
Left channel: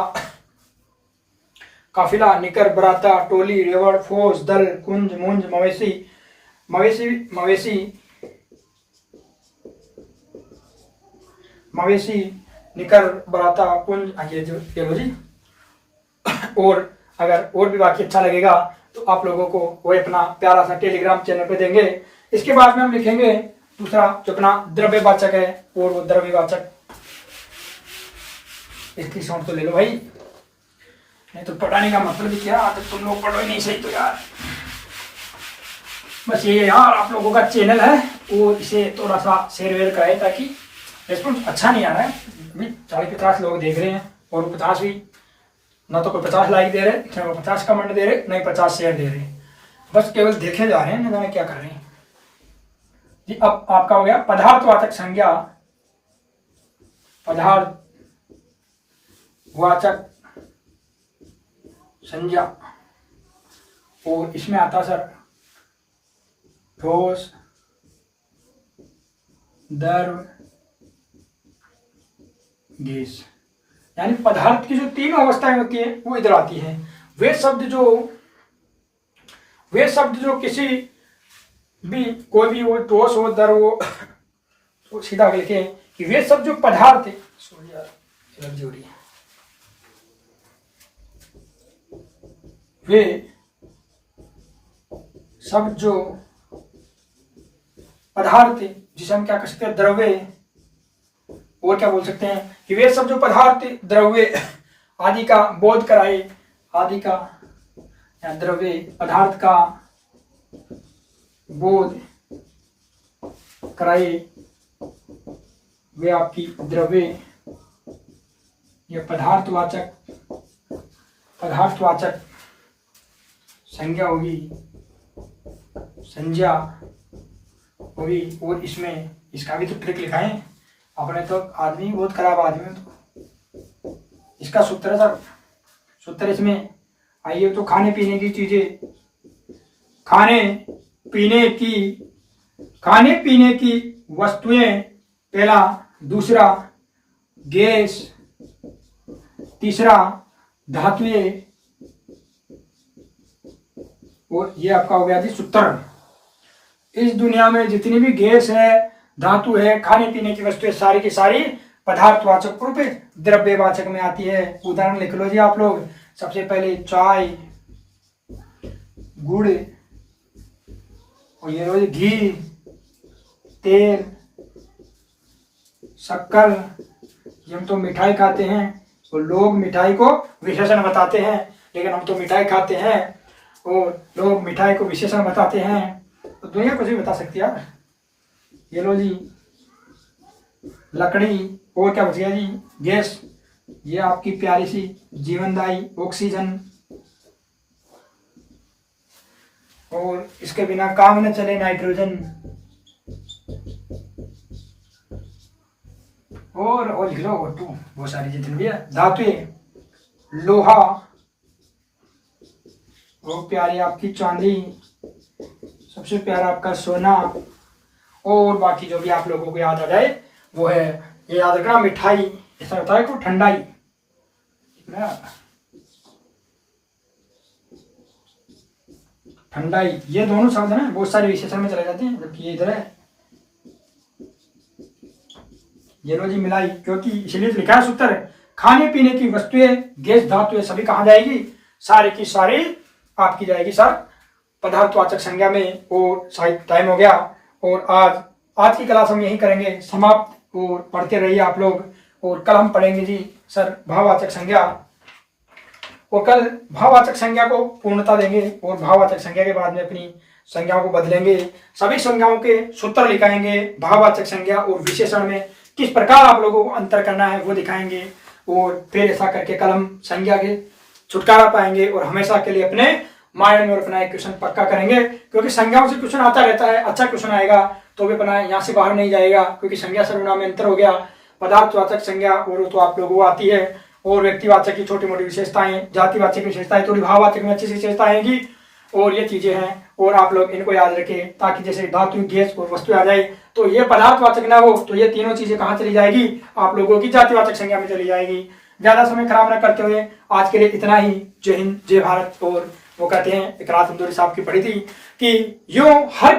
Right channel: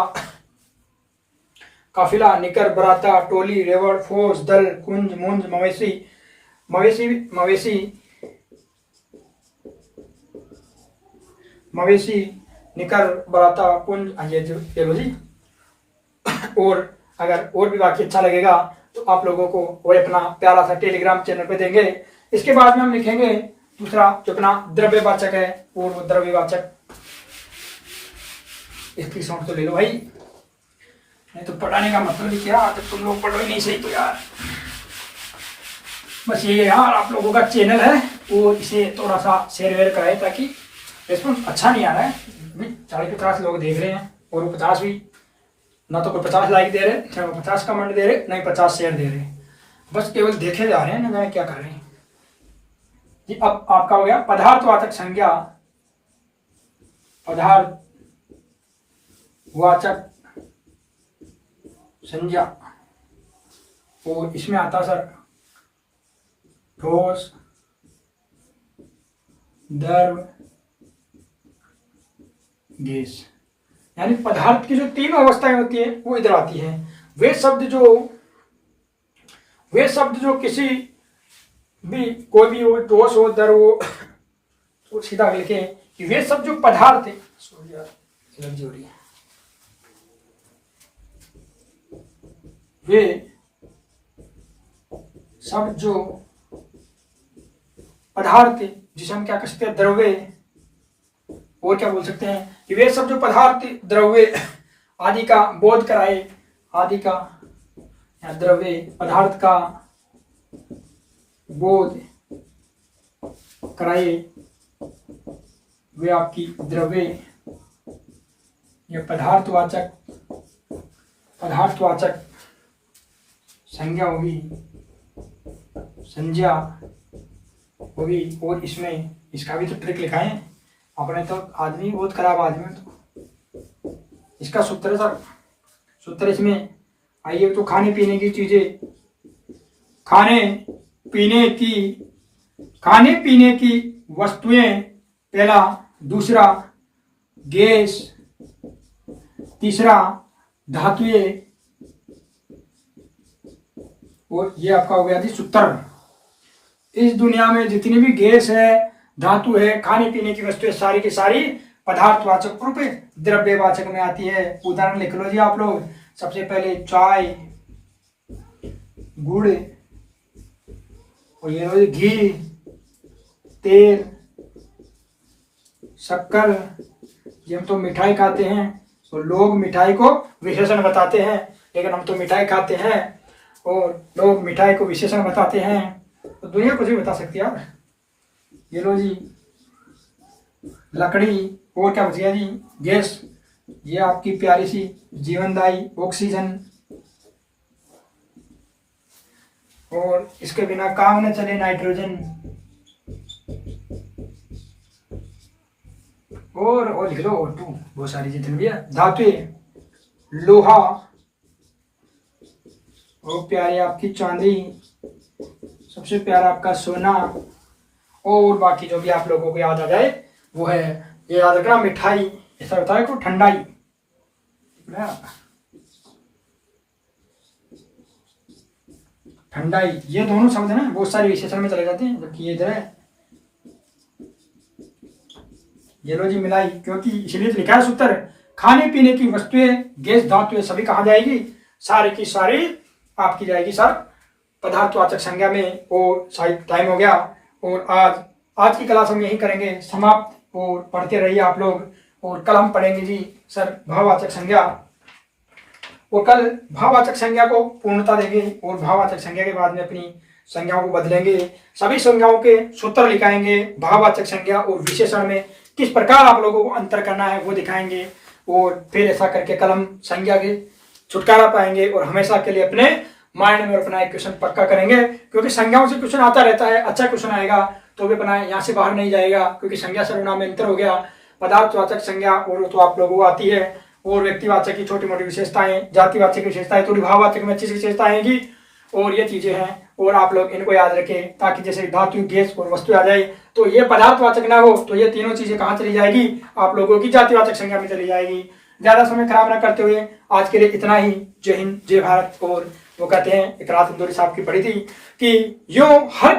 काफिला निकर बराता टोली रेवड़ फौज दल कुंज मुंज मवेशी, मवेशी मवेशी मवेशी निकर बराता कुंज, ये जो ये लो जी। और अगर और भी वाक्य अच्छा लगेगा तो आप लोगों को वो अपना प्यारा सा टेलीग्राम चैनल पे देंगे। इसके बाद में हम लिखेंगे दूसरा जो अपना द्रव्यवाचक है, और वो द्रव्यवाचक इसकी शॉर्ट तो ले लो भाई, नहीं तो पढ़ाने का मतलब भी क्या, तो तुम लोग पढ़ो ही नहीं सही तो यार। बस ये यार आप लोगों का चैनल है वो इसे थोड़ा सा शेयर वेयर कराए, ताकि रिस्पॉन्स अच्छा नहीं आ रहा है, 40-50 लोग देख रहे हैं और वो 50 भी ना तो कोई 50 लाइक दे रहे, चाहे वो 50 कमेंट दे रहे, नहीं 50 शेयर दे रहे, बस केवल देखे जा रहे हैं, ना जाने क्या कर रहे हैं जी। अब आपका हो गया पदार्थवाचक संज्ञा, पदार्थवाचक संज्ञा, और इसमें आता सर ठोस द्रव गैस, यानी पदार्थ की जो तीनों अवस्थाएं होती है वो इधर आती है। वे शब्द जो किसी भी कोई भी हो ठोस हो द्रव हो, तो सीधा लिखे कि वे सब जो पदार्थ है, एलर्जी हो रही है, वे सब जो पदार्थ जिसे हम क्या कह सकते हैं द्रव्य, और क्या बोल सकते हैं कि वे सब जो पदार्थ द्रव्य आदि का बोध कराए, आदि का या द्रव्य पदार्थ का बोध कराए, वे आपकी द्रव्य या पदार्थवाचक संज्ञा होगी, संज्ञा होगी। और इसमें इसका भी तो ट्रिक लिखा है आपने, तो आदमी बहुत खराब आदमी है, तो इसका सूत्र है सर सूत्र इसमें। आइए तो खाने पीने की चीजें, खाने पीने की वस्तुएं पहला, दूसरा गैस, तीसरा धातुएं, और ये आपका हो गया जी सूत्र। इस दुनिया में जितनी भी गैस है, धातु है, खाने पीने की वस्तुएं सारी की सारी पदार्थवाचक रूप द्रव्यवाचक में आती है। उदाहरण लिख लो जी आप लोग। सबसे पहले चाय, गुड़, और ये लो घी, तेल, शक्कर। ये हम तो मिठाई खाते हैं, तो लोग मिठाई को विशेषण बताते हैं, लेकिन हम तो मिठाई खाते हैं और लोग मिठाई को विशेषण बताते हैं। तो दुनिया कुछ भी बता सकती है यार। ये लो जी लकड़ी, और क्या बच गया जी गैस। ये आपकी प्यारी सी जीवनदायी ऑक्सीजन, और इसके बिना काम न चले नाइट्रोजन, और लिख लो O2, बहुत सारी जितनी भी है धातुएं, लोहा, और प्यारी आपकी चांदी, सबसे प्यारा आपका सोना, और बाकी जो भी आप लोगों को याद आ जाए वो है। ये याद रखना मिठाई, ऐसा होता है को ठंडाई, ठंडाई, ये दोनों शब्द है ना बहुत सारे विशेषण में चले जाते हैं, जबकि ये इधर है। ये लो जी मिलाई, क्योंकि इसलिए तो लिखा है सूत्र, खाने पीने की वस्तुएं, गैस, धातुएं सभी कहाँ जाएगी, सारे की सारी आपकी जाएगी सर पदार्थवाचक संज्ञा में। और शायद टाइम हो गया, और आज की क्लास हम यही करेंगे समाप्त। और पढ़ते रहिए आप लोग, और कल हम पढ़ेंगे जी सर भाववाचक संज्ञा, और कल भाववाचक संज्ञा को पूर्णता देंगे, और भाववाचक संज्ञा के बाद में अपनी संज्ञाओं को बदलेंगे। सभी संज्ञाओं के सूत्र लिखाएंगे, भाववाचक संज्ञा और विशेषण में किस प्रकार आप लोगों को अंतर करना है वो दिखाएंगे। और फिर ऐसा करके कल हम संज्ञा के छुटकारा पाएंगे, और हमेशा के लिए अपने माइंड में अपना एक क्वेश्चन पक्का करेंगे, क्योंकि संज्ञाओं से क्वेश्चन आता रहता है। अच्छा क्वेश्चन आएगा तो भी अपना यहाँ से बाहर नहीं जाएगा, क्योंकि संज्ञा सर्वनाम में अंतर हो गया। पदार्थवाचक संज्ञा और तो आप लोगों को आती है, और व्यक्तिवाचक की छोटी मोटी विशेषताएं, जातिवाचक की विशेषताएं, थोड़ी भाववाचक में अच्छी विशेषताएं आएंगी, और ये चीजें हैं। और आप लोग इनको याद रखें, ताकि जैसे धातु, गैस और वस्तु आ जाए तो ये पदार्थवाचक ना हो, तो ये तीनों चीजें कहाँ चली जाएगी, आप लोगों की जातिवाचक संज्ञा में चली जाएगी। ज्यादा समय खराब न करते हुए आज के लिए इतना ही। जय हिंद, जय भारत। और वो कहते हैं, एक रात इंदौरी साहब की पढ़ी थी कि यूं हर